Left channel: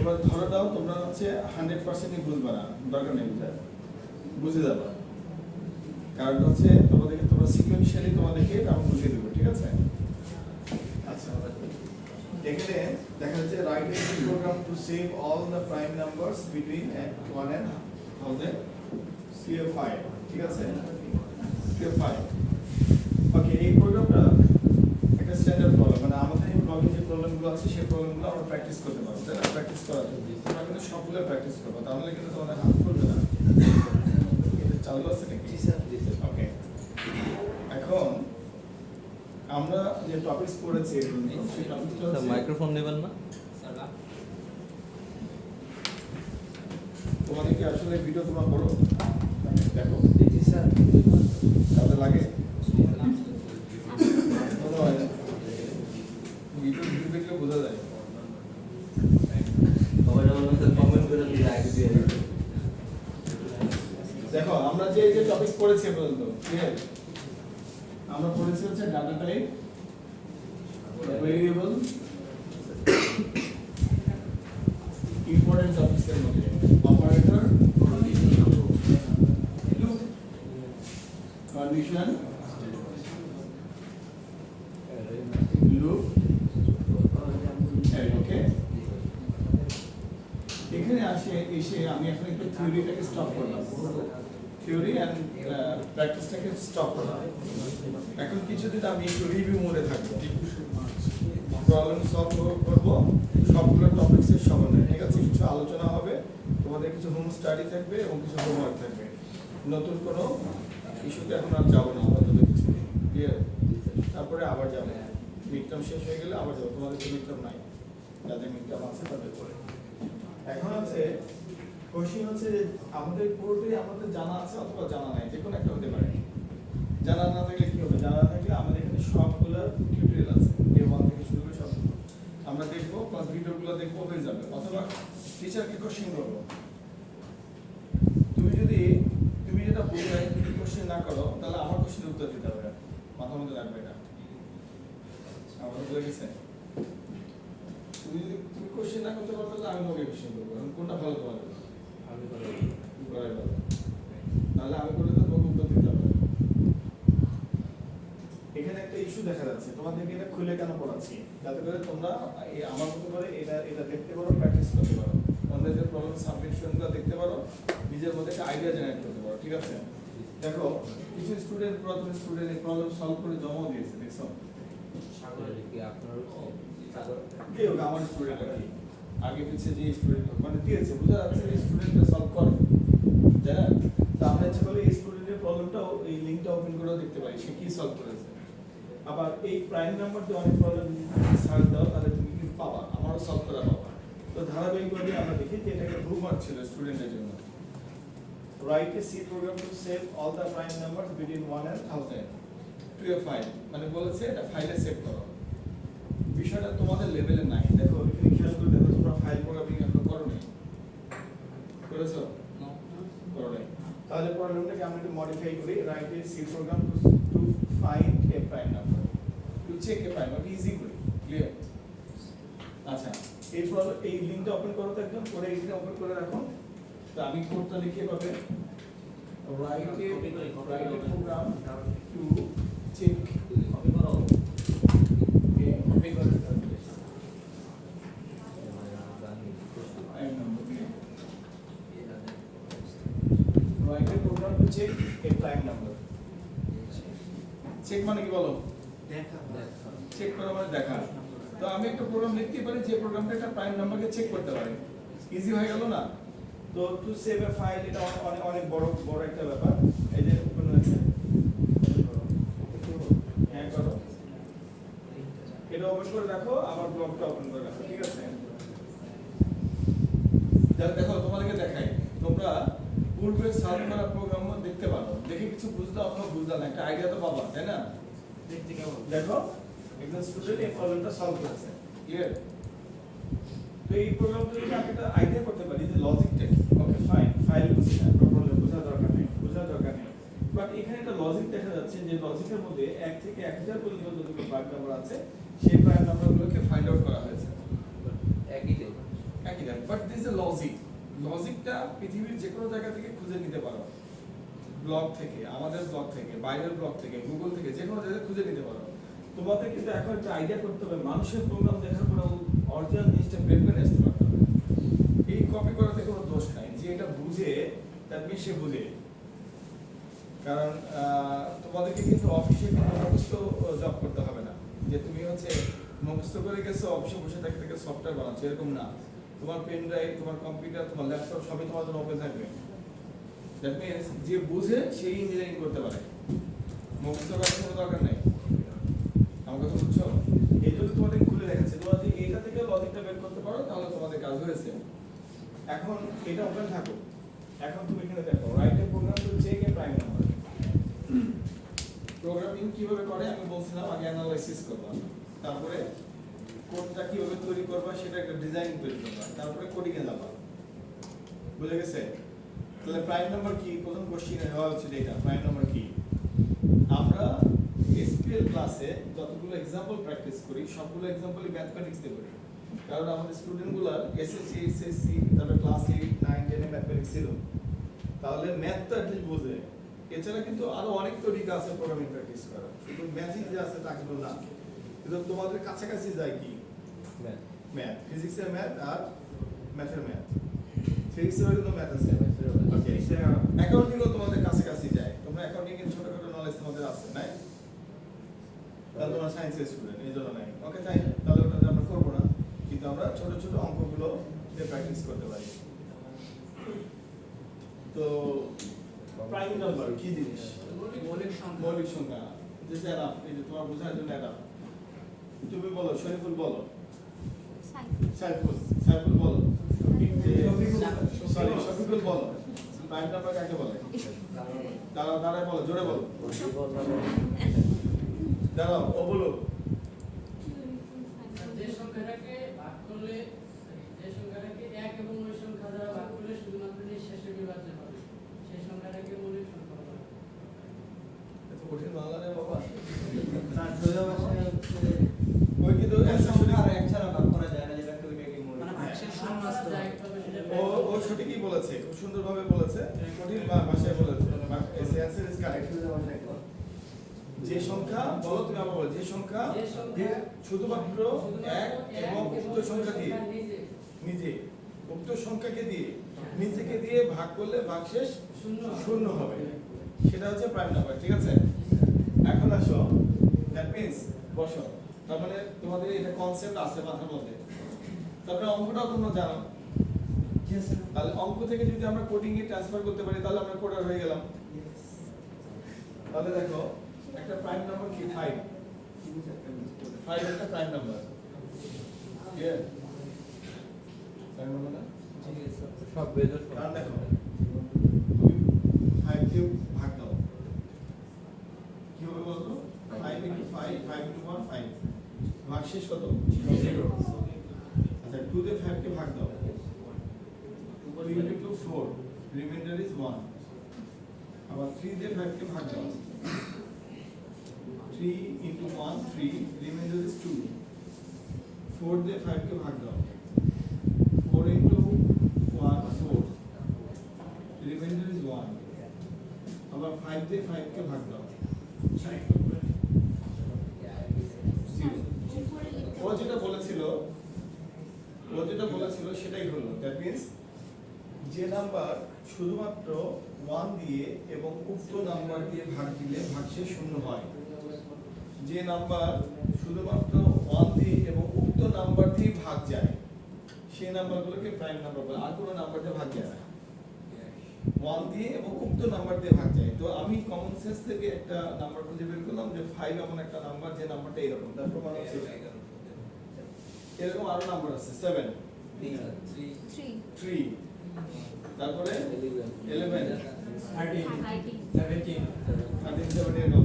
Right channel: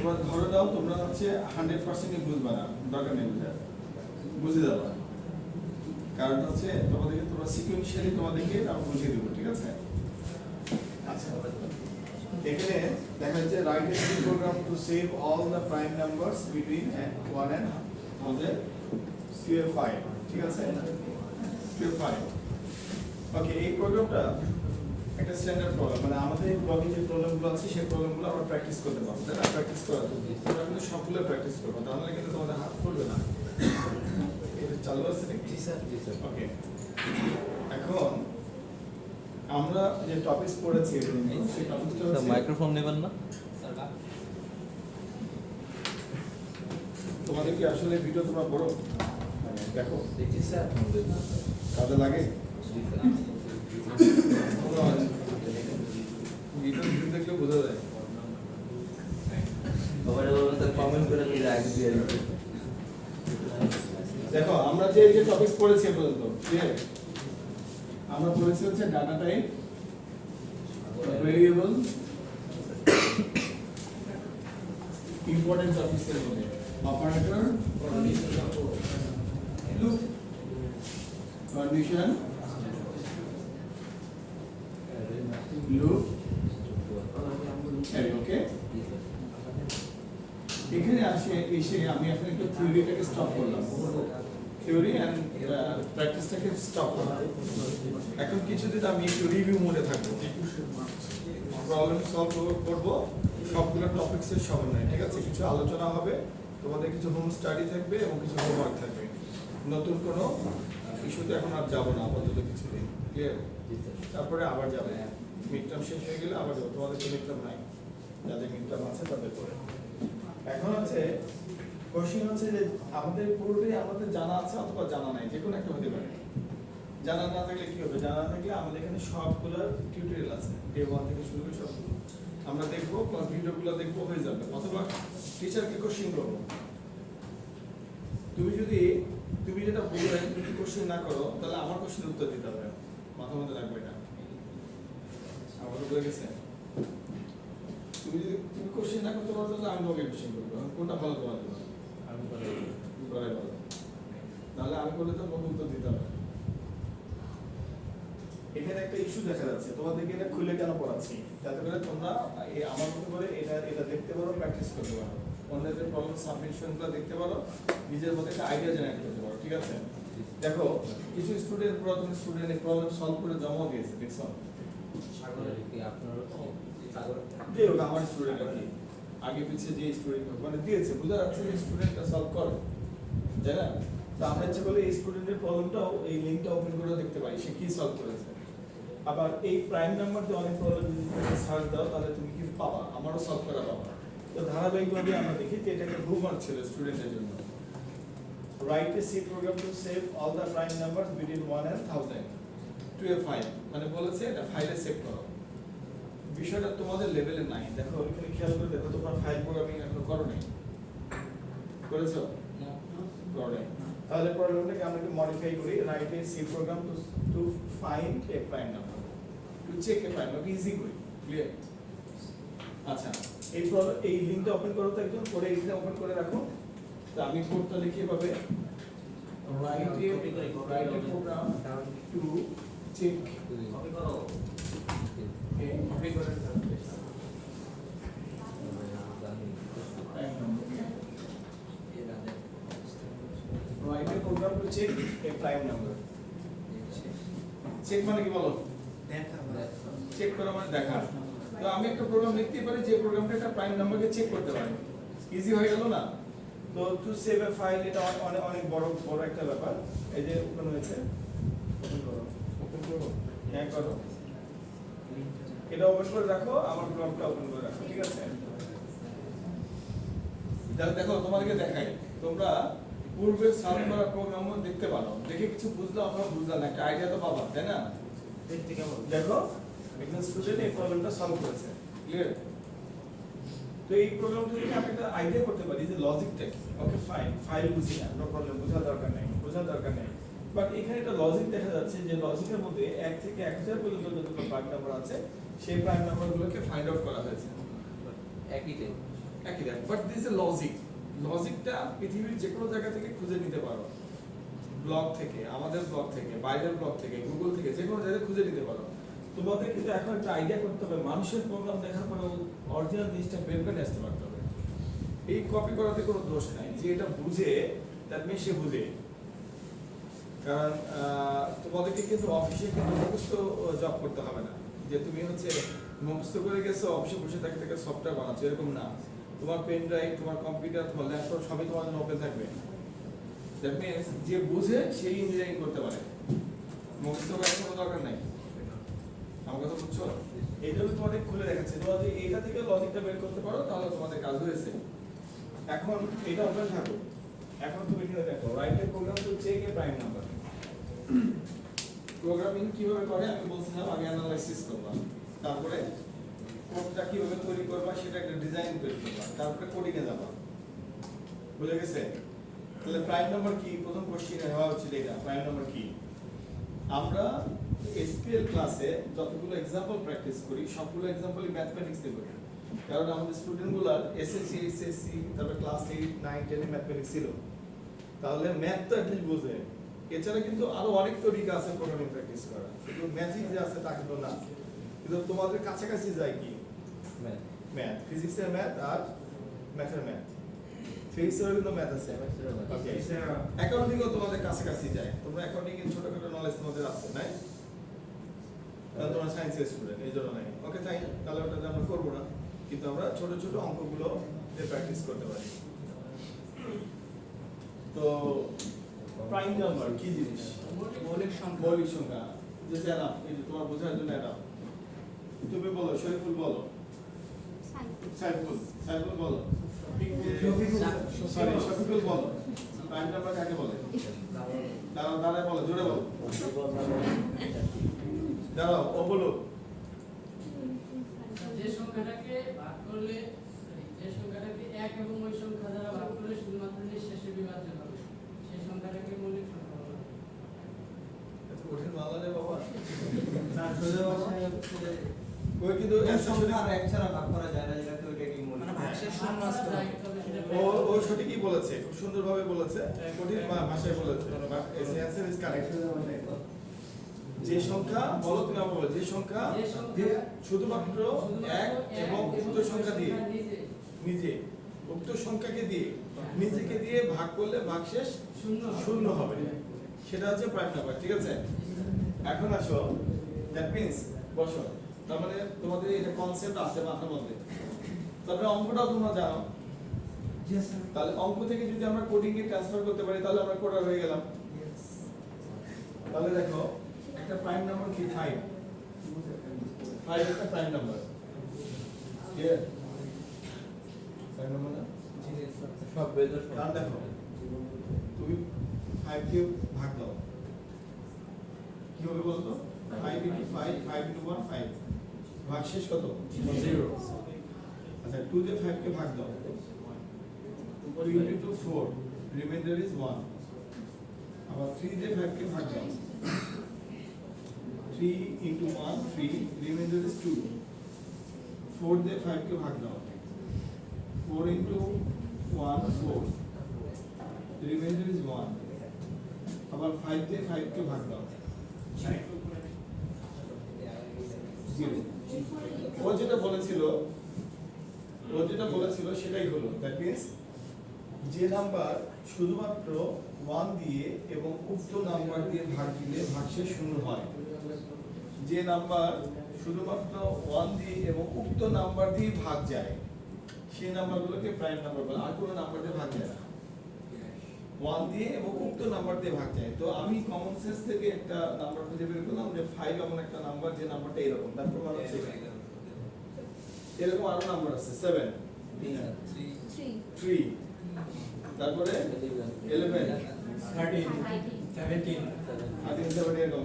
তোমরা ধরে দাও তোমরা হচ্ছে 100% বুঝবে না, দরকার নেই বুঝে যাবা, কারণ হচ্ছে তোমাদেরকে তোমরা সিকোয়েন্সিয়ালি তোমাদেরকে আমি বুঝিয়ে দেবো, ঠিক আছে? আচ্ছা, এখানে দেখা যাচ্ছে write a program to save all the prime numbers between 1 and 1000 CF5, ঠিক আছে? CF5, ওকে। এই প্রোগ্রামটা একটা স্ট্যান্ডার্ড প্রবলেম, মানে আমাদের ব্লগে যে প্রবলেমগুলো আছে সেই প্রবলেমগুলো আমরা প্র্যাকটিস করতে পারবো, তাই না? প্র্যাকটিস করা উচিত, তোমরা কিন্তু সবগুলো প্র্যাকটিস করবো, তাহলে কিন্তু তোমাদের হাত পড়বে না। এটা চালু আছে নাকি? জি স্যার, জি স্যার। ওকে, এখন আমরা যে টপিকস পড়েছি এগুলো সেই টপিকটা হচ্ছে মাইক্রোফোন নেবেন না তোমাদের কি আসলে ভিডিও তোমরা পড়ো, মানে দেখো? জি স্যার। কাজে লাগে? ভিডিও দেখলে বোঝা যায়। সবাইটা বলবেন স্যার কমেন্ট করে প্লিজ আইডি দিয়ে দিন। দেখো আমরা যে টপিকস পড়েছি পর্যন্ত, ক্লিয়ার? আমরা পড়েছি হচ্ছে ডাটা টাইপ, ভেরিয়েবল, ইম্পর্টেন্ট টপিকসের মধ্যে অপারেটর, লুপ, কন্ডিশন, লুপ, ওকে। এখানে এসে আমি এখন একটু থিওরিটাকে স্টপ করলাম, থিওরি অ্যান্ড প্র্যাকটিসটাকে স্টপ করলাম। এখন কিছুদিন আমি একটু রিভিউ মোডে থাকবো, প্রবলেম সলভ করবো, সবগুলো টপিক্সের সমন্বয়ে, ঠিক আছে? কিছু আলোচনা হবে, তোমাদের কিছু হোম স্টাডি থাকবে এবং কিছু হোমওয়ার্ক থাকবে। নতুন কোনো ইস্যুতে এখন আর যাবো না আপাতত কিছুদিন, ক্লিয়ার? তারপরে আবার যাবো, মিড টার্ম শেষ হয়ে গেলে আবার যাবো। তোমাদের তো মিড টার্ম নাই, যাদের মিড টার্ম আছে তাদের করে। এখন আছে কোশ্চেন হচ্ছে যে আমাদের পুরোটাই আমাদের জানা আছে অথবা জানা নাই, যে কোনো একটা হতে পারে। জানা না থাকলে কি হবে? জানা না থাকলে আমাদের এখানে সবগুলোর টিউটোরিয়াল আছে, A1 থেকে শুরু করে সব আমরা দেখবো, প্লাস ভিডিওগুলো দেখবো, হয়ে যাবে। অথবা টিচারকে কোশ্চেন করবো। তুমি যেটা বলবে তুমি কোশ্চেন না করো, তাহলে আমার কোশ্চেন উত্তর দিতে হবে, মাথার মধ্যে রাখবে এটা। আমার বলে গেছে, তুমি কোশ্চেন না করতে পারো তাহলে আমি তোমাকে কোশ্চেন করবো। কোনটা ভালো তোমার? আমি করে করাই ভালো, নাহলে আমি করলে তো তোমাকে উত্তর দিতে হবে। এখানে একটা ইস্যু দেখা যাচ্ছে, তোমাদেরকে এটা খুলে কেন পড়াচ্ছি? যাতে করে তোমরা আমার মতো করে এটা দেখতে পারো, প্র্যাকটিস করতে পারো, অন্যদের প্রবলেম সাবমিশনগুলো দেখতে পারো, নিজের মধ্যে একটা আইডিয়া জেনারেট করতে পারো, ঠিক আছে? দেখো কিছু স্টুডেন্ট, পুরাতন স্টুডেন্ট এই প্রবলেম সলভ করে জমা দিয়েছে, দেখছো? সাগর কি আপনার সাগর যে হোক আমার স্টুডেন্ট আর কি, আগে পিছিয়ে যে স্টুডেন্ট মানে দিয়েছে, বোঝা যাচ্ছে যে স্টুডেন্টটা সলভ করে, তাই না? তো আমরা ইচ্ছে করলে এই স্টুডেন্টের প্রবলেমটাও এই লিঙ্কটা ওপেন করে দেখতে পারি সে কি সলভ করেছে। আবার এই প্রাইম নাম্বার দিয়ে অনেক প্রবলেম সার্চ দাও তাহলে তুমি কি পাবা, আমারও সলভ করা পাবা। তো ধারাবাহিকভাবে আমরা দেখি যে এটা একটা হোমওয়ার্ক ছিল স্টুডেন্টের জন্য। Write a C program to save all the prime numbers between 1 and 1000 to a file, মানে বলেছে এটা ফাইলে সেভ করো। বিষয়টা তোমাদের লেভেলে নাই, দেখো এখানে খেয়াল করে দেখো, তোমরা ফাইল প্রোগ্রামিং এখন করো নাই, করেছো? করো নাই। তাহলে প্রবলেমটাকে আমরা একটু মডিফাই করি, write a C program to find a prime number, to check a prime, okay easy করি, ক্লিয়ার? আচ্ছা, এই লিংকটা ওপেন করো তো একজন, করে এইটা ওপেন করে রাখো। তো আমি কোডটা লিখে পাবে, write a program to check, copy করো কপি করে write a program to check a prime number. Check মানে কি বলো? চেক করা মানে দেখা। তো আমি একটা প্রোগ্রাম লিখতে পারি যে প্রোগ্রামটা একটা প্রাইম নাম্বারকে চেক করতে পারে, ইজি হয়ে গেল না? তো টু সেভ এ ফাইল, এটা অনেক অনেক বড় একটা ব্যাপার। এই যে ওপেন হয়েছে, হ্যাঁ করো, এটা ওপেন করে রাখো, আমার ব্লগটা ওপেন করে রাখো, ঠিক আছে? দেখো তোমাদেরকে দেখাই, তোমরা পূর্বে সলভ করা প্রোগ্রামও দেখতে পারো, দেখে কিছু বুঝলে অথবা বুঝলে না, একটা আইডিয়া তো পাবা, তাই না? দেখো একজন স্টুডেন্ট এই প্রবলেমটা সলভ করেছে, ক্লিয়ার? তো এই প্রোগ্রামটা যদি আমি একটা আইডিয়া করতে পারি যে লজিকটা কি, ওকে ফাইন, ফাইল বুঝি না, নো প্রবলেম, বোঝার দরকার নেই। বাট এখানে একটা লজিক দেখা যাচ্ছে যে লজিকের মধ্যে 1 থেকে 1000 পর্যন্ত যতগুলো প্রাইম নাম্বার আছে সেই প্রাইম নাম্বারগুলোকে ফাইন্ড আউট করা হয়েছে। একই টাইপ, একই টাইপ, বাট লজিক। লজিকটা পৃথিবীর যে কোনো জায়গা থেকে খুঁজে নিতে পারো, ব্লগ থেকে, আমাদের ব্লগ থেকে, বাইরের ব্লগ থেকে, গুগল থেকে, যে কোনো জায়গায় খুঁজে নিতে পারো। তোমাদের কিন্তু এখন একটা আইডিয়া করতে হবে, মানুষের প্রোগ্রাম দেখার পরে অরিজিনাল জিনিসটা বের করে আসতে পারতে হবে। এই কপি করাতে কোনো দোষ নাই, যে এটা বুঝে দ্যাট মিনস সে বুঝে। কারণ তোমাদেরকে কিন্তু অফিসে কিন্তু মুখস্থ জব করতে হবে না, যে তুমি হচ্ছে মুখস্থ করে গেছো অফিসে বসে থেকে থেকে সফটওয়্যার বানাচ্ছো, এরকম না। তোমার পেন ড্রাইভ, তোমার কম্পিউটার, তোমার ল্যাপটপ সবই তোমার জন্য ওপেন থাকবে। দ্যাট মিনস যে বুঝে সেই ইঞ্জিনিয়ারিং করতে পারে, মুখস্থ করার কোনো দরকার নেই। আমার কথা বুঝছো? এই জন্য তোমাদের খুলে দেখাচ্ছে, তোমরা যদি এটা থেকে লজিকটা বের করতে পারো তাহলে তোমাদের কাজ হয়েছে। এখন এটা ওপেন থাকো। এখন তুমি এখানে দেখো write a program to check a prime number. Programming কিভাবে করে আমি বলছিলাম, আগে অ্যানালাইসিস করবা, তারপরে কোডটা কিভাবে তৈরি করবা সেটা একটা ডিজাইন তৈরি করবা, তারপরে কোডিং এ যাবা। বুঝে গেছে? তাহলে প্রাইম নাম্বার কি? প্রথম কোশ্চেনে হওয়া হচ্ছে এটা, প্রাইম নাম্বার কি? আমরা এসপিএল ক্লাসে যতগুলো এক্সাম্পল প্র্যাকটিস করি সবগুলো এক্সাম্পলই ম্যাথমেটিক্স দিয়ে করি। কারণ আমাদের স্টুডেন্টগুলোর এসএসসি, এইচএসসি, তারপরে ক্লাস 8, 9, 10 এ ম্যাথমেটিক্স ছিল। তাহলে ম্যাথ তো অ্যাটলিস্ট বোঝে। এছাড়া কিন্তু আরো অনেক তরিকা আছে প্রোগ্রামিং প্র্যাকটিস করা, শুধু ম্যাথই যে আছে তা কিন্তু না। কিন্তু তোমাদের কাছাকাছি যায় কি? ম্যাথ, ফিজিক্সের ম্যাথ আর ম্যাথের ম্যাথ। ফিজিক্সেরও কিন্তু ম্যাথ আছে, ওকে। অ্যাকাউন্টিংও তোমাদের কাছাকাছি যায়। তোমরা অ্যাকাউন্টিং এর ছোটখাটো নলেজ তোমাদের আছে, নাই? তাহলে তোমরা সায়েন্সের স্টুডেন্ট, এই জন্য নাই। ওকে, তাই তাহলে ওটা আমরা করবো না, কিন্তু আমরা ছোট ছোট অঙ্কগুলো দিয়ে প্র্যাকটিস করতে পারি। তো প্রাইম নাম্বার কি জিনিস? মৌলিক সংখ্যা। মৌলিক সংখ্যা, যে যারা এই যে তোমার বোঝার জন্য এটা তুমি বলো, শরীফুল বলো, সাইফুল, সাইফুল বলো, সরি শফিকুল বলো, প্রাইম নাম্বার কাকে বলে? দাঁড়ায় বলো, জোরে বলো, দাঁড়াও, ও বলো। যে সংখ্যাটাকে ভাগ করলে, যে সংখ্যাটাকে এক এবং ওই সংখ্যা দ্বারা ভাগ করলে শুধুমাত্র নিঃশেষে বিভাজ্য হবে, সেই সংখ্যাটাকে মৌলিক সংখ্যা বলা হয়। এত কঠিন বাংলা রে বাবা। ওই কিন্তু অ্যান্সার মানে ভাগশেষ শূন্য আসতে হবে। ও সঠিকই বলেছে, খুব সুন্দরভাবে বলেছে, কঠিন ভাষায় বলেছে। Answer is correct. যে সংখ্যা বলো, তুমি আবার বলো, যে সংখ্যা শুধুমাত্র এক এবং উক্ত সংখ্যা দিয়ে, নিজে উক্ত সংখ্যাকে দিয়ে, নিজেকে দিয়ে ভাগ করলে ভাগশেষ শূন্য হবে, সেটা হচ্ছে প্রাইম নাম্বার। ঠিক আছে? এখন আসো, দ্যাট মিন্স বসো। তার মানে তোমাদের এটা কনসেপ্ট আছে মাথার মধ্যে, তবে অঙ্কটাও তোমরা জানো। তাহলে অঙ্ক থেকে যদি আমরা কোডিং এ ট্রান্সফার করতে পারি তাহলে আমরা কোডার হয়ে গেলাম। তাহলে দেখো একটা প্রাইম নাম্বার কি? 5 একটা prime number. Clear? Prime number না? সব বেদর কারণ দেখো তুমি 5 কে ভাগ দাও, কি হবে বলতো? 5 into 5, 5 into 1, 5, ভাগশেষ কত? 0। আচ্ছা 2 দিয়ে 5 কে ভাগ দাও, 2 into 4, remainder is 1। আবার 3 দিয়ে 5 কে ভাগ দাও, 3 into 1, 3, remainder is 2। 4 দিয়ে 5 কে ভাগ দাও, 4 into 1, 4, remainder is 1। আবার 5 দিয়ে 5 কে ভাগ দাও, 0। ও যেটা বলেছিল সেটাই হলো। দ্যাট মিন্স যে নাম্বার শুধুমাত্র 1 দিয়ে এবং উক্ত নাম্বার দিয়ে ভাগ দিলে ভাগশেষ শূন্য হয়, যে নাম্বার শুধুমাত্র 1 দিয়ে এবং উক্ত নাম্বার দিয়ে ভাগ যায় সেই নাম্বারগুলোকে প্রাইম নাম্বার বলে। আর কোনো নাম্বার দিয়ে ভাগ যায় না, 1 দিয়ে এবং উক্ত নাম্বার দিয়ে ভাগ যায়। তো আমি কমন সেন্স থেকে একটা নাম্বার খুঁজে বের করলাম যে 5 এমন একটা নাম্বার যে নাম্বারটা এরকম, তার প্রমাণ হচ্ছে এরকম আরো নাম্বার আছে 7, 3, তারপরে 11, 13, 17, 17,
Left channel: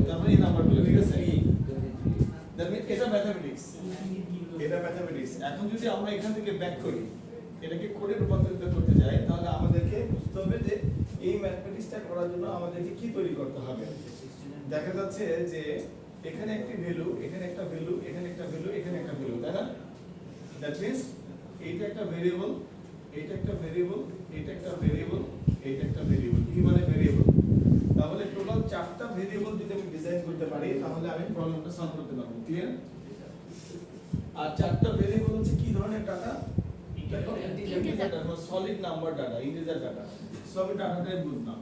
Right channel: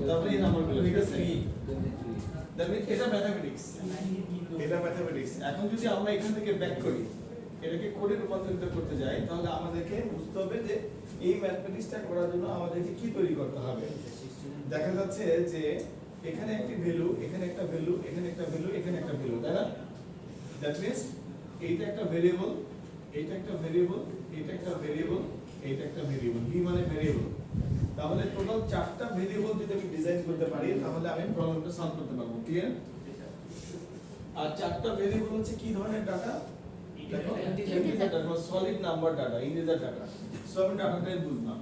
তারপরে এই নাম্বারগুলো। ঠিক আছে? এটা ম্যাথমেটিক্স, এটা ম্যাথমেটিক্স। এখন যদি আমরা এখান থেকে ব্যাক করি, এটাকে কোডে রূপান্তরিত করতে যাই, তাহলে আমাদেরকে বুঝতে হবে যে এই ম্যাথমেটিক্সটা করার জন্য আমাদেরকে কি তৈরি করতে হবে। দেখা যাচ্ছে যে এখানে একটি ভ্যালু, এখানে একটা ভ্যালু, এখানে একটা ভ্যালু, এখানে একটা ভ্যালু, তাই না? দ্যাট মিন্স এইটা একটা ভেরিয়েবল, এইটা একটা ভেরিয়েবল, এইটা একটা ভেরিয়েবল, এইটা একটা ভেরিয়েবল, ভি মানে ভেরিয়েবল। তাহলে টোটাল 4টা ভেরিয়েবল যদি আমি ডিজাইন করতে পারি তাহলে আমি প্রবলেমটা সলভ করতে পারবো। ক্লিয়ার? আর 4টা ভেরিয়েবল হচ্ছে কি ধরনের data? Integer data, solid number data, integer data. So আমি ডাটাটাই বুঝলাম।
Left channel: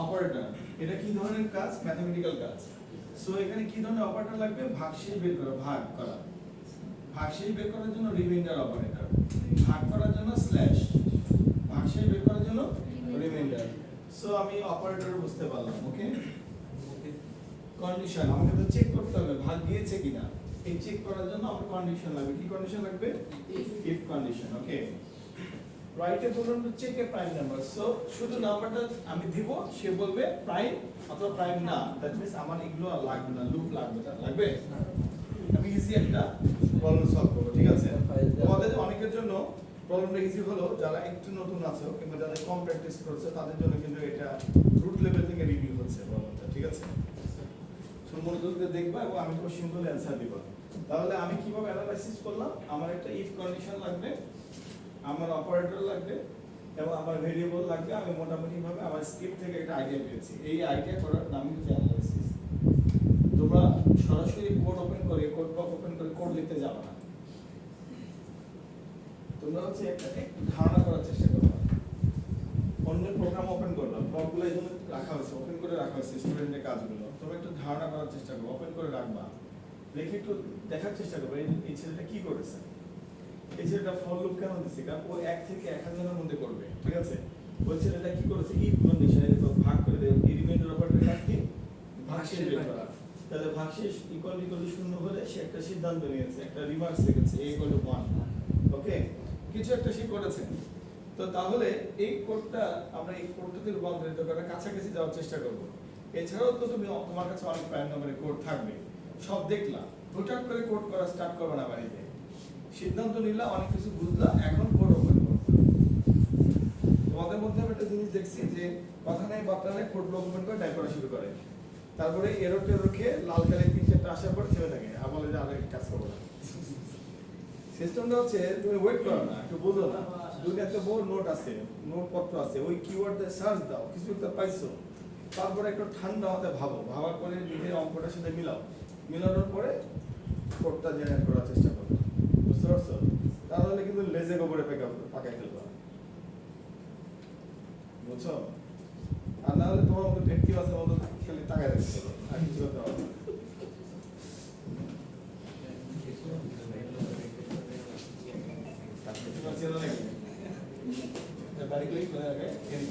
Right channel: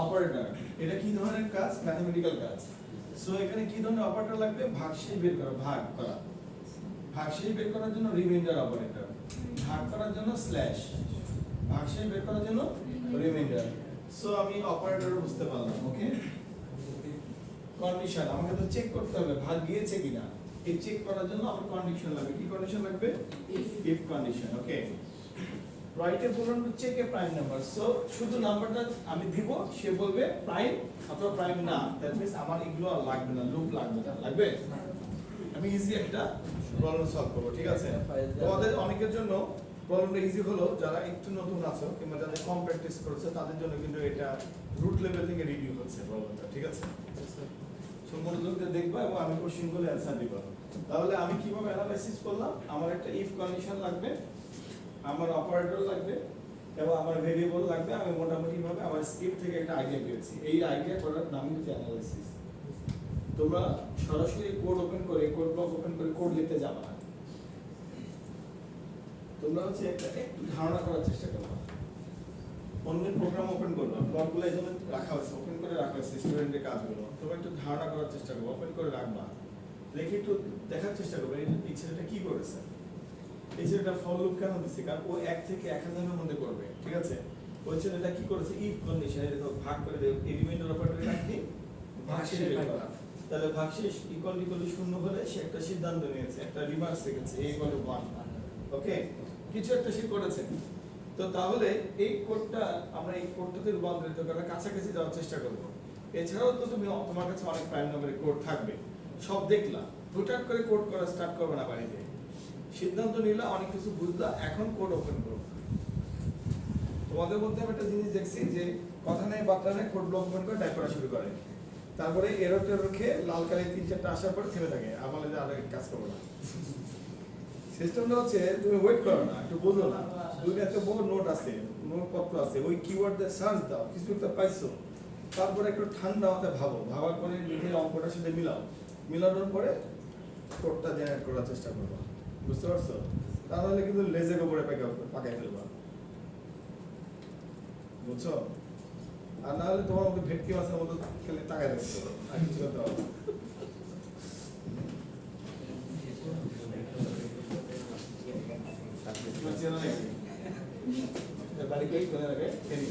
অপারেটর, এটা কি ধরনের কাজ? ম্যাথমেটিক্যাল কাজ। সো এখানে কি ধরনের অপারেটর লাগবে? ভাগশেষ বের করা, ভাগ করা। ভাগশেষ বের করার জন্য রিমাইন্ডার অপারেটর, ভাগ করার জন্য স্ল্যাশ, ভাগশেষ বের করার জন্য রিমাইন্ডার। সো আমি অপারেটর বুঝতে পারলাম। ওকে, কন্ডিশন আমাকে তো চেক করতে হবে ভাগ গিয়েছে কিনা। এই চেক করার জন্য আমার কন্ডিশন লাগবে। কি কন্ডিশন লাগবে? If condition. ওকে, রাইটে বলুন check a prime number. So শুধু নাম্বারটা আমি দিব, সে বলবে প্রাইম অথবা প্রাইম না। দ্যাট মিন্স আমার এগুলো আর লাগবে না, লুপ লাগবে না। লাগবে? আমি ইজি একটা প্রবলেম সলভ করব। ঠিক আছে? তোমাদের অনেকের জন্য প্রবলেমটা ইজি হলো, যারা একটু নতুন আছো কিংবা যাদের কম প্র্যাকটিস করেছে তাদের জন্য কিন্তু এটা রুট লেভেল থেকে রিভিউ হচ্ছে প্রবলেমটা। ঠিক আছে? সো মনোযোগ দিয়ে দেখবা এবং আমি কোশ্চেনগুলো অ্যানসার দিব। তাহলে আমি কিভাবে অ্যানালাইসিস করলাম? আমার একটা ইফ কন্ডিশন লাগবে, আমার অপারেটর লাগবে এবং আমার ভেরিয়েবল লাগবে। আমি মোটামুটি ভাবে আমার স্ক্রিপ্ট থেকে একটা আইডিয়া পেয়েছি। এই আইডিয়া করার নামই হচ্ছে অ্যানালাইসিস। তোমরা সরাসরি কোড ওপেন করে, কোড ব্লক ওপেন করে কোড লিখতে যাবে না। তোমরা হচ্ছে একটু ধারণা করার চেষ্টা করো। অন্যের প্রোগ্রাম ওপেন করবা, ব্লকগুলো এই জন্য রাখা হয়েছে, ওপেন করে রাখা হয়েছে স্টুডেন্টের কাজগুলো। তোমরা একটু ধারণা করার চেষ্টা করো, ওপেন করে রাখবা, রেখে একটু দেখার চেষ্টা করবে এই ছেলেটা কি করেছে, এই ছেলেটা ফর লুপ কেন দিচ্ছে, কারণ ও 1 থেকে 1000 এর মধ্যে করবে। ঠিক আছে? ওই ছেলেটা কি করেছে? ইফ কন্ডিশনে দেখো ভাগ করে দেব, এই রিমাইন্ডার অপারেটর কাজ কি? ভাগশেষ বের করা। তাহলে ভাগশেষ ইকুয়াল ইকুয়াল 0 হলে সে একটা সিদ্ধান্ত নিয়েছে, একটা রিমার্কস রেখেছে a = 1। ওকে, কিছু একটা সে করেছে। তো তাহলে এই কোডটা আমরা এই কোডটাতে রূপান্তরিত করার কাছাকাছি যাওয়ার চেষ্টা করব। এছাড়াও তো তুমি তোমার কাছে অনেক প্রাইম নম্বরের কোড থাকবে, সব দেখলা, হুটহাট করে কোড করা স্টার্ট করবে না বাড়িতে। সিদ্ধান্ত নিলা, অনেক কিছু বুঝলা, এখন কোড ওপেন করো। তোমাদের মধ্যে আমি একটা জিনিস দেখছি যে কথা নেই বার্তা নেই, কোড ব্লক ওপেন করে টাইপ করা শুরু করে, তারপরে এরর টেরর খেয়ে লাল কালি 3-4টা আসার পরে থেমে থাকে, আর বলে যে আর কাজ করবো না। সিস্টেমটা হচ্ছে তুমি ওয়েট করো না, একটু বোঝো না, দুনিয়াতে বহু নোট আছে, নোটপত্র আছে, ওই কিওয়ার্ড দিয়ে সার্চ দাও, কিছু একটা পাইছো, তারপরে একটু ঠান্ডা মাথায় ভাবো, ভাবার পরে নিজের অঙ্কটার সাথে মিলাও, মিলানোর পরে কোডটা জেনারেট করার চেষ্টা করো। বুঝতে পারছো? তাহলে কিন্তু লেজের উপরে পাকাই ফেলবা। বুঝছো? আর না হলে তোমার মধ্যে ভেটকি মাছের মতো খালি তাকায় দেখতে হবে, আর কিছু করতে হবে না। চেনা নাকি? বাড়ি কই কোথায় আগে? ফেনী।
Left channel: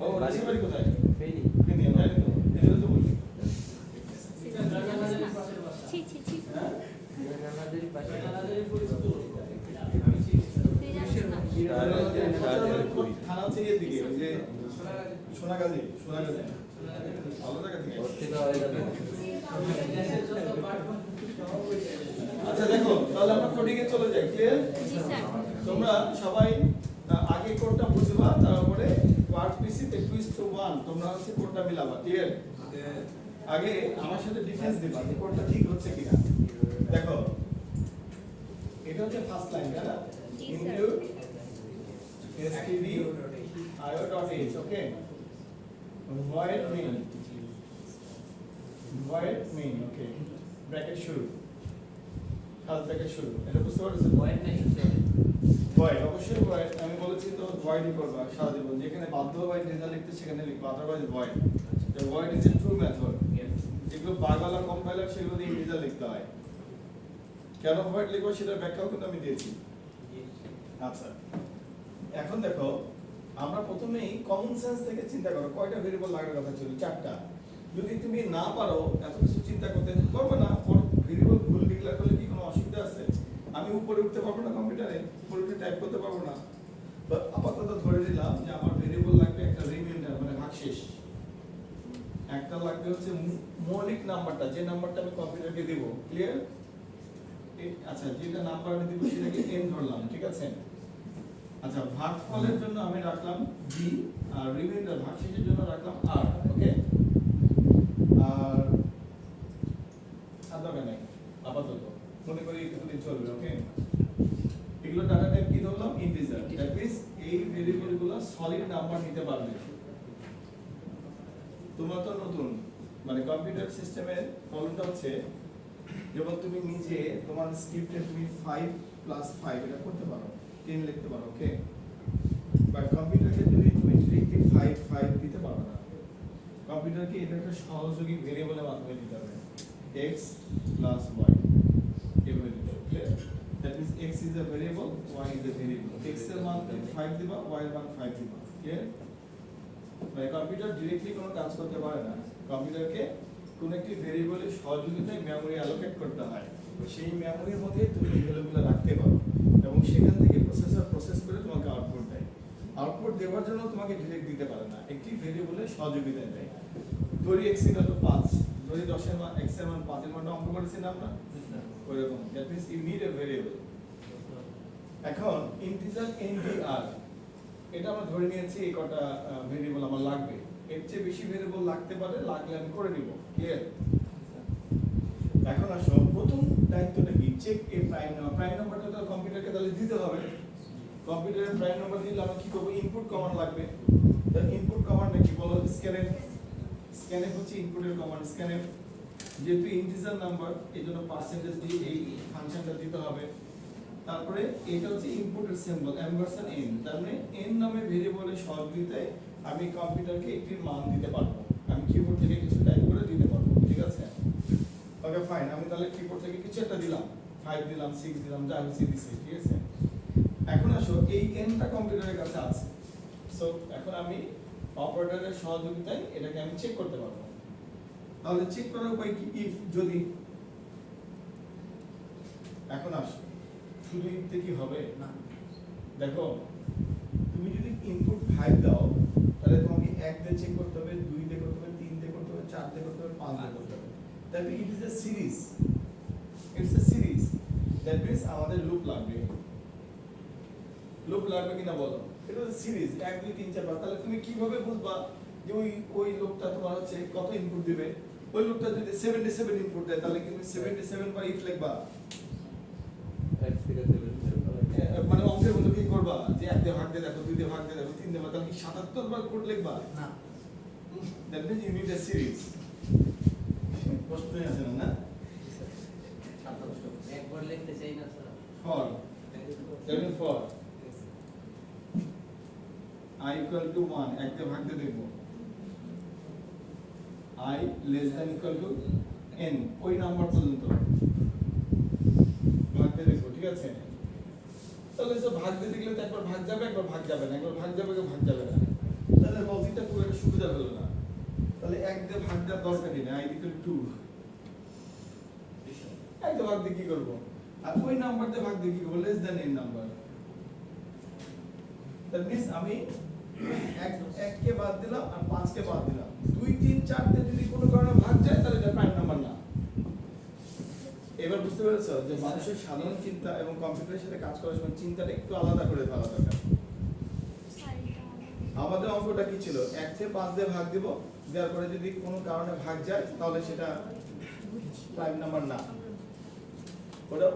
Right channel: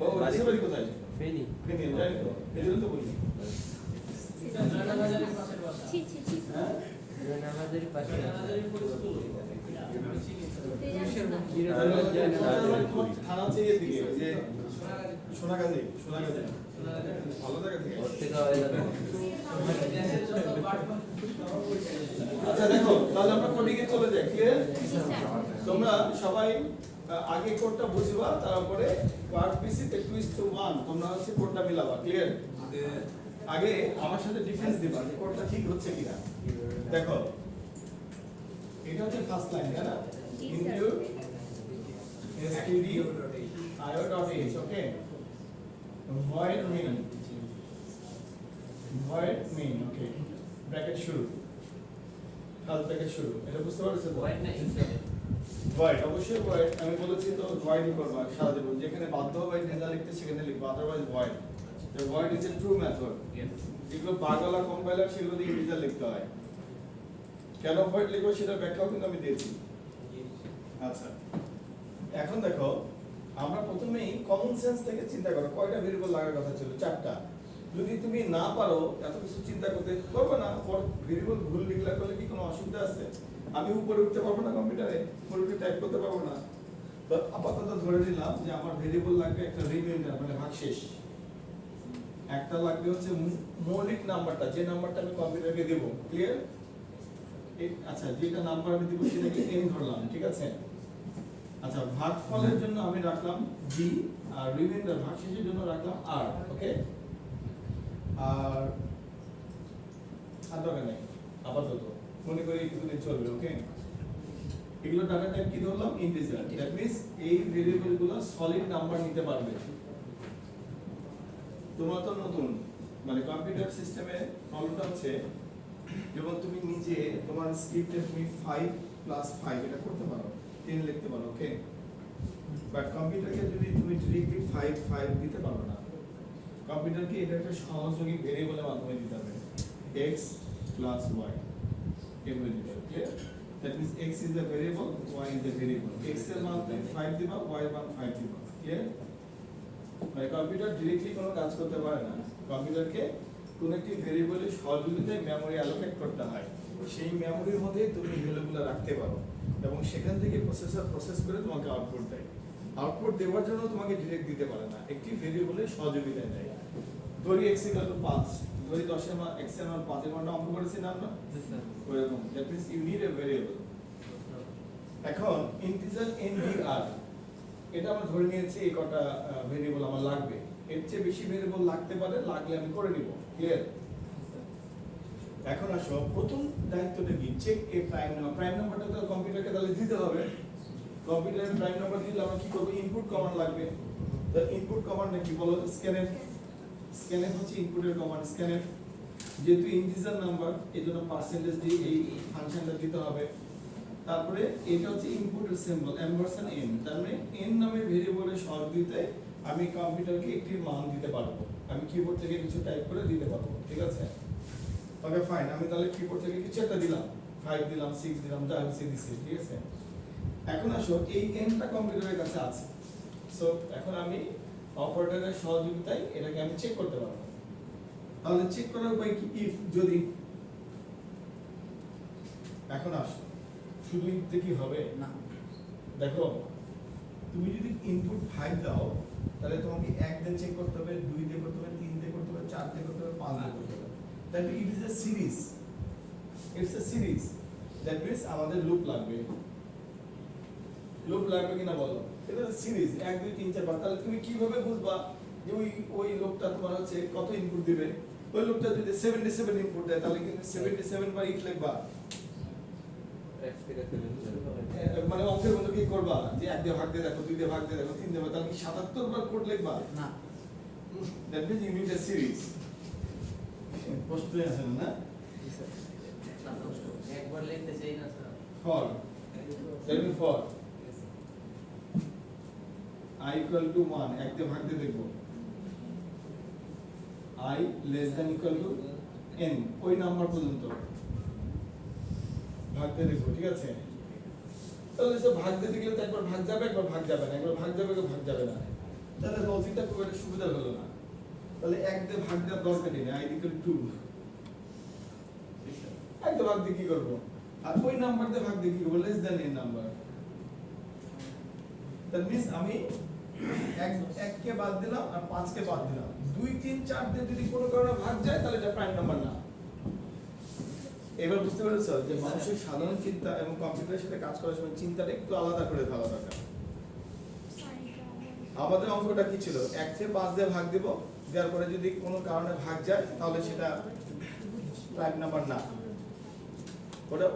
ও দেশের বাড়ি কোথায়? ফেনী। ফেনী, আমি জানি তো, এই জন্য তো বলি। জয়নালাদের পাশের বাসা। হ্যাঁ? জয়নালাদেরই পাশে। জয়নালাদেরই পরিচিত লোক। থানা হচ্ছে এদিকে, ওই যে সোনাগাজী, সোনাগাজী। ভালো জায়গা থেকে। ওর থেকে হয়ে যাবে। আচ্ছা দেখো, তাহলে আমরা কোডিং এ চলে যাই। ক্লিয়ার? তোমরা সবাই আগে কোডটা বুঝবা, তারপরে ওয়ার্ড পিসিতে টুইস্ট টু 1 তোমরা হচ্ছে কোডটা মিলাবা। ক্লিয়ার? আগে আমার সাথে ডিফারেন্স দিবা যে কোডটা ঠিক হচ্ছে কিনা। দেখো, এটা হচ্ছে ফার্স্ট লাইন, তাই না? ইনক্লুড stdio.h, ওকে? void main, ওকে, ব্র্যাকেট শুরু, খালি ব্র্যাকেট শুরু, এটা বুঝতে পারছো? ভয়েড নাই। void, অবশ্যই void। আমি বলেছি তো void করবা সারা জীবন, যেখানে বাধ্যভাবে নেজা লিখতে সেখানে লিখবা, আদারওয়াইজ void। তো void is a true method। যেগুলো বাগলা কম্পাইলার সেগুলো দিয়ে ইন্টিজার লিখতে হয়। কেন void লিখবো সেটার ব্যাখ্যাও কিন্তু আমি দিয়েছি। আচ্ছা, এখন দেখো, আমরা প্রথমেই কমন সেন্স থেকে চিন্তা করো, কয়টা ভেরিয়েবল লাগার কথা ছিল? 4টা। যদি তুমি না পারো এত কিছু চিন্তা করতে, করবে না, ভেরিয়েবল ভুল ডিক্লেয়ার করলে কি কোনো অসুবিধা আছে? আমি উপরে উঠতে পারবো না কম্পিউটারে, উপরে উঠে টাইপ করতে পারবো না। তো আপাতত ধরে নিলাম যে আমার ভেরিয়েবল লাগবে একটা রিমাইন্ডার, মানে ভাগশেষ। একটা লাগবে হচ্ছে মৌলিক নাম্বারটা, যে নাম্বারটা আমি কম্পিউটারকে দেব। ক্লিয়ার? আচ্ছা, যেটা নাম্বার আমি দেব সেটাকে n ধরলাম। ঠিক আছে? আচ্ছা, ভাগফলের জন্য আমি রাখলাম b, আর রিমাইন্ডার ভাগশেষের জন্য রাখলাম r। ওকে? আর দরকার নাই আপাতত। মনে করি একটু চলবে, ওকে? এগুলো ডাটা টাইপ কি ধরলাম? ইন্টিজার। দ্যাট মিন্স এই ভেরিয়েবলগুলো সলিড নাম্বার নিতে পারবে। তোমার তো নতুন, মানে কম্পিউটার সিস্টেমের প্রবলেমটা হচ্ছে যখন তুমি নিজে তোমার স্ক্রিপ্টে তুমি 5 + 5 এটা করতে পারো, 10 লিখতে পারো, ওকে? বাট কম্পিউটারকে তুমি ডিরেক্টলি 5 5 দিতে পারো না। কম্পিউটারকে এটা একটা সহযোগী ভেরিয়েবলের মাধ্যমে দিতে হবে, x + y এভাবে দিতে হবে, clear? That means x is a variable, y is a variable. x এর মান 5 দিবা, y এর মান 5 দিবা, ক্লিয়ার? মানে কম্পিউটার ডিরেক্টলি কোনো কাজ করতে পারে না। কম্পিউটারকে কোন একটি ভেরিয়েবলের সহযোগিতায় মেমরি অ্যালোকেট করতে হয়। সেই মেমরির মধ্যে তুমি ভ্যালুগুলো রাখতে পারো এবং সেখান থেকে প্রসেসর প্রসেস করে তোমাকে আউটপুট দেয়। আউটপুট দেওয়ার জন্য তোমাকে ডিরেক্ট দিতে পারে না, একটি ভেরিয়েবলের সহযোগিতায় দেয়। ধরি x = 5, ধরি 10 এর মান x এর মান 5 এর মানটা অঙ্ক করেছি না আমরা? ওইরকম। That means you need a variable. এখন ইন্টিজার ndr এটা আমরা ধরে নিয়েছি এই কটা ভেরিয়েবল আমার লাগবে। এর চেয়ে বেশি ভেরিয়েবল লাগতে পারে, লাগলে আমি করে নিব, ক্লিয়ার? এখন আসো প্রথম দায়িত্বটা কি? Check a prime number. Prime নাম্বারটা তো কম্পিউটারকে তাহলে দিতে হবে। কম্পিউটারের প্রাইম নাম্বার দিলে আমরা কি করব? ইনপুট কমান্ড লাগবে। তো ইনপুট কমান্ডটা কি বলো? স্ক্যানএফ। স্ক্যানএফ হচ্ছে ইনপুটের কমান্ড। স্ক্যানএফ যেহেতু ইন্টিজার নাম্বার এজন্য পার্সেন্টেজ দিয়ে এই ফাংশনটা দিতে হবে। তারপরে এটা হচ্ছে ইনপুটের সিম্বল $n, তার মানে n নামে ভেরিয়েবলের সহযোগিতায় আমি কম্পিউটারকে একটি মান দিতে পারবো। আমি কিবোর্ড থেকে কিছু টাইপ করে দিতে পারবো, ঠিক আছে? ওকে ফাইন, আমি তাহলে কিবোর্ড থেকে কিছু একটা দিলাম, 5 দিলাম, 6 দিলাম, যা হচ্ছে দিছি, ঠিক আছে? এখন আসো এই nটা কম্পিউটারের কাছে আছে। সো এখন আমি অপারেটরের সহযোগিতায় এটাকে আমি চেক করতে পারবো। তাহলে চেক করার উপায় কি? ইফ যদি এখন আসো শুধু ইফতে কি হবে না? দেখো তুমি যদি ইনপুট 5 দাও তাহলে তোমাকে 1 দিয়ে চেক করতে হবে, 2 দিয়ে করতে হবে, 3 দিয়ে করতে হবে, 4 দিয়ে করতে হবে, 5 দিয়ে করতে হবে। That it is a series. It's a series. That means আমাদের লুপ লাগবে। লুপ লাগবে কিনা বলো? এটা সিরিজ 1 2 3 4 5। তাহলে তুমি কিভাবে বুঝবা যে ওই লুপটা তোমার হচ্ছে কত ইনপুট দিবে? ওই লুপটা যদি 77 ইনপুট দেয় তাহলে কিন্তু 77 বার ইফ লিখবা। মানে অঙ্কের মতো কি করবা যে 1 দিয়ে ভাগ দিয়ে দেখো, 2 দিয়ে ভাগ দিয়ে দেখো, 3 দিয়ে ভাগ, তাহলে কি 77 বার কোড লিখবা? না। That means you need a series. প্রশ্নই আসে না? একবার লিখতে চাই না sir. For table for i = 1 1 দিয়ে ভাগ দিয়ে দেখব, i <= n ওই নাম্বার পর্যন্ত ভাগ দিয়ে দেখব, ঠিক আছে? তাহলে সব ভাগ দিয়ে দেখলে তো একবার ভাগ যাবে, একবার ভাগ যাবে না, একবার ভাগ যাবে, একবার ভাগ যাবে না। তাহলে লজিকটা খুব একটা সুবিধা হলো না। তাহলে 1 দিয়ে ভাগ দেওয়ার দরকারই নেই, i = 2। এক দিয়ে ভাগ দিয়ে কি করব? আর ওই নাম্বার দিয়ে ভাগ দিয়ে কি করব? n number. দ্যাট মিন্স আমি 1 কে বাদ দিলাম আর 5 কে বাদ দিলাম। 2 3 4 দিয়ে যদি কোনো কারণে ভাগ যায় তাহলে এটা প্রাইম নাম্বার না। এবার বুঝতে পেরেছো যে মানুষের সাধারণ চিন্তা এবং কম্পিউটারের সাথে কাজ করার সময় চিন্তাটা একটু আলাদা করে ফেলা দরকার। আমাদের অঙ্কটা কি ছিল? 1 থেকে 5 দিয়ে ভাগ দিব, দেওয়ার পরে যদি কোনো কারণে ভাগ যায় তাহলে সেটা প্রাইম নাম্বার না। ওটা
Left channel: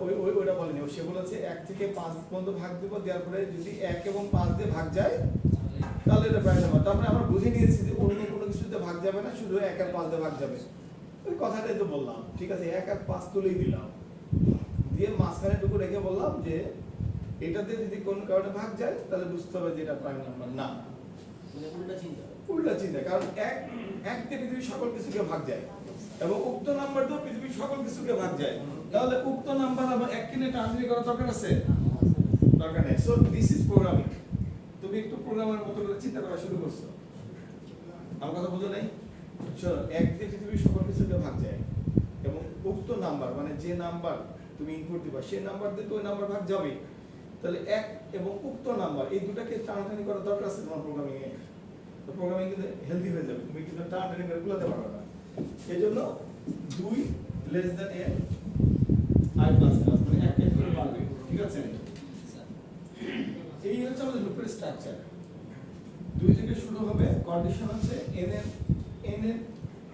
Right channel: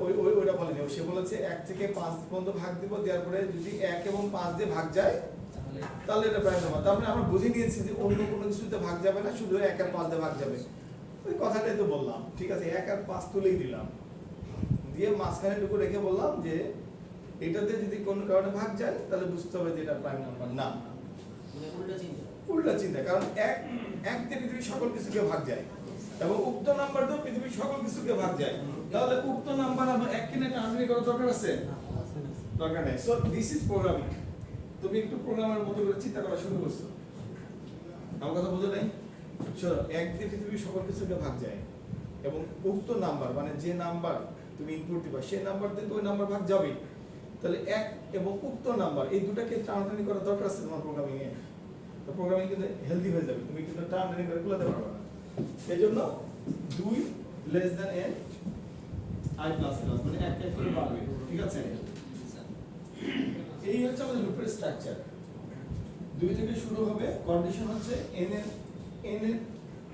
বলেনি, সে বলেছে 1 থেকে 5 পর্যন্ত ভাগ দিব, দেওয়ার পরে যদি 1 এবং 5 দিয়ে ভাগ যায় তাহলে এটা প্রাইম নাম্বার। তার মানে আমরা বুঝে নিয়েছি যে অন্য কোনো কিছুতে ভাগ যাবে না, শুধু 1 আর 5 দিয়ে ভাগ যাবে। ওই কথাটাই তো বললাম, ঠিক আছে? 1 আর 5 তুলেই দিলাম, দিয়ে মাঝখানে টুকু রেখে বললাম যে এটাতে যদি কোনো কারণে ভাগ যায় তাহলে বুঝতে হবে যে এটা প্রাইম নাম্বার না। উল্টা চিন্তা, কারণ 1 দিয়ে পৃথিবীর সকল কিছুকে ভাগ যায় এবং উক্ত নাম্বার দিয়ে পৃথিবীর সকল কিছুকে ভাগ যায়। তাহলে উক্ত নাম্বার আবার 1 কিনে ট্রান্সলেট করার দরকার আছে? দরকার নেই। So this is programming. তুমি একটু প্রোগ্রামের মতো করে চিন্তা করা শুরু করছো। আমার কথা বুঝো নাই? শোনো, 1 দিয়ে পৃথিবীর সকল কিছুকে ভাগ যায় এবং উক্ত নাম্বার মানে যে নাম্বার তুমি ইনপুট দিবা সেই নাম্বার দিয়ে তো ওই নাম্বার ভাগ যাবে। তাহলে 1 এবং উক্ত নাম্বার এই দুটাকে ট্রান্সলেট করার দরকার আছে তোমার প্রোগ্রামিং এ। তো প্রোগ্রামিং কিন্তু হেলদি হয়ে যাবে, তুমি কিন্তু ট্রান্সলেট করে খুলতে পারবে না। এজন্য 2 n i++ মানে 1 করে বাড়বে, ঠিক আছে? এই হচ্ছে আমাদের লুপের স্ট্রাকচার। 2 থেকে শুরু হবে, কন্ডিশন হচ্ছে n এর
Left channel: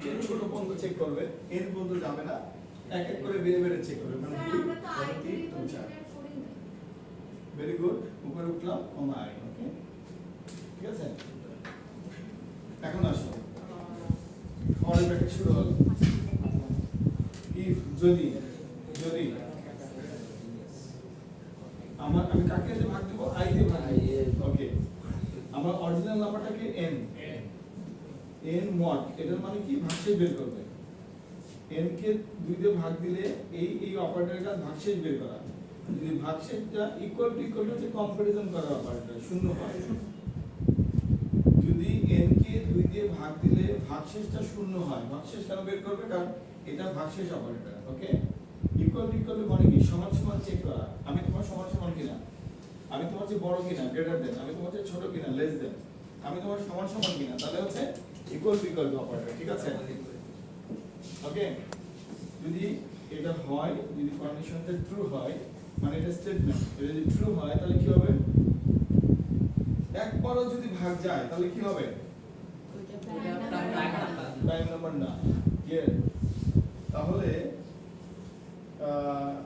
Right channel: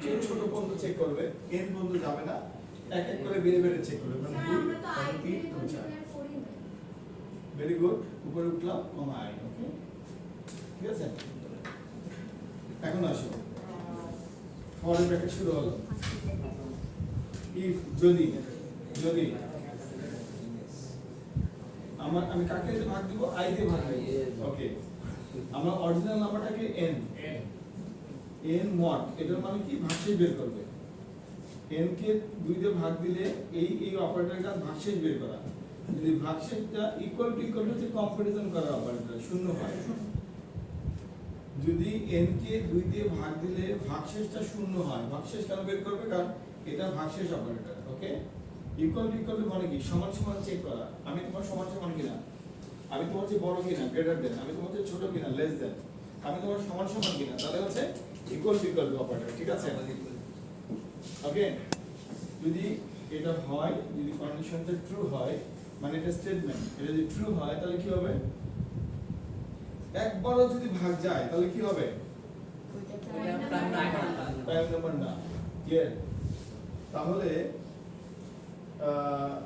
চেয়ে ছোট পর্যন্ত চেক করবে, n পর্যন্ত যাবে না। এক এক করে বের বের চেক করবে মানে স্যার আমরা তো আই 2 ভেরিয়েবল 3 4 নিয়ে পড়ি না। ভেরি গুড উপরে উঠলাম কমা আই ওকে ঠিক আছে এখন আসো ফর ব্র্যাকেট শুরু হলো ইফ যদি যদি আমি কাকে দিয়ে ভাগ দেব আই দিয়ে ভাগ দেব ওকে আমার অরিজিনাল নাম্বারটাকে n n মড এটার মানে কি ভাগশেষ বের করবে n কে 2 দিয়ে ভাগ দিলে এই অপারেটরের কাজ ভাগশেষ বের করা যদি ভাগশেষটা ইকুয়াল টু যে কম্পারিজন করা অপারেটর শূন্য হয় যদি n কে 2 দিয়ে ভাগ দিলে ভাগশেষটা শূন্য হয় ভাগশেষ কেন বের করবে কারণ এটা ভাগশেষ অপারেটর ওকে ইকুয়াল টু মানে কি সমান সমান চেক করা আমি তোমার সমান সমান কিনা আমি তোমার চেয়ে বড় কিনা গ্রেটার দেন আমি তোমার চেয়ে ছোট কিনা লেস দেন আমি তোমার সমান সমান কিনা তাহলে হচ্ছে ইকুয়াল টু অপারেটর ঠিক আছে ওকে যদি এটা হয় যদি কন্ডিশনটা ট্রু হয় মানে এটা স্টেটমেন্ট এটা যদি ট্রু হয় তাহলে কি হবে একবারও যদি ভাগ যায় তাহলে কি হবে প্রাইম নাম্বার না ক্লিয়ার তাহলে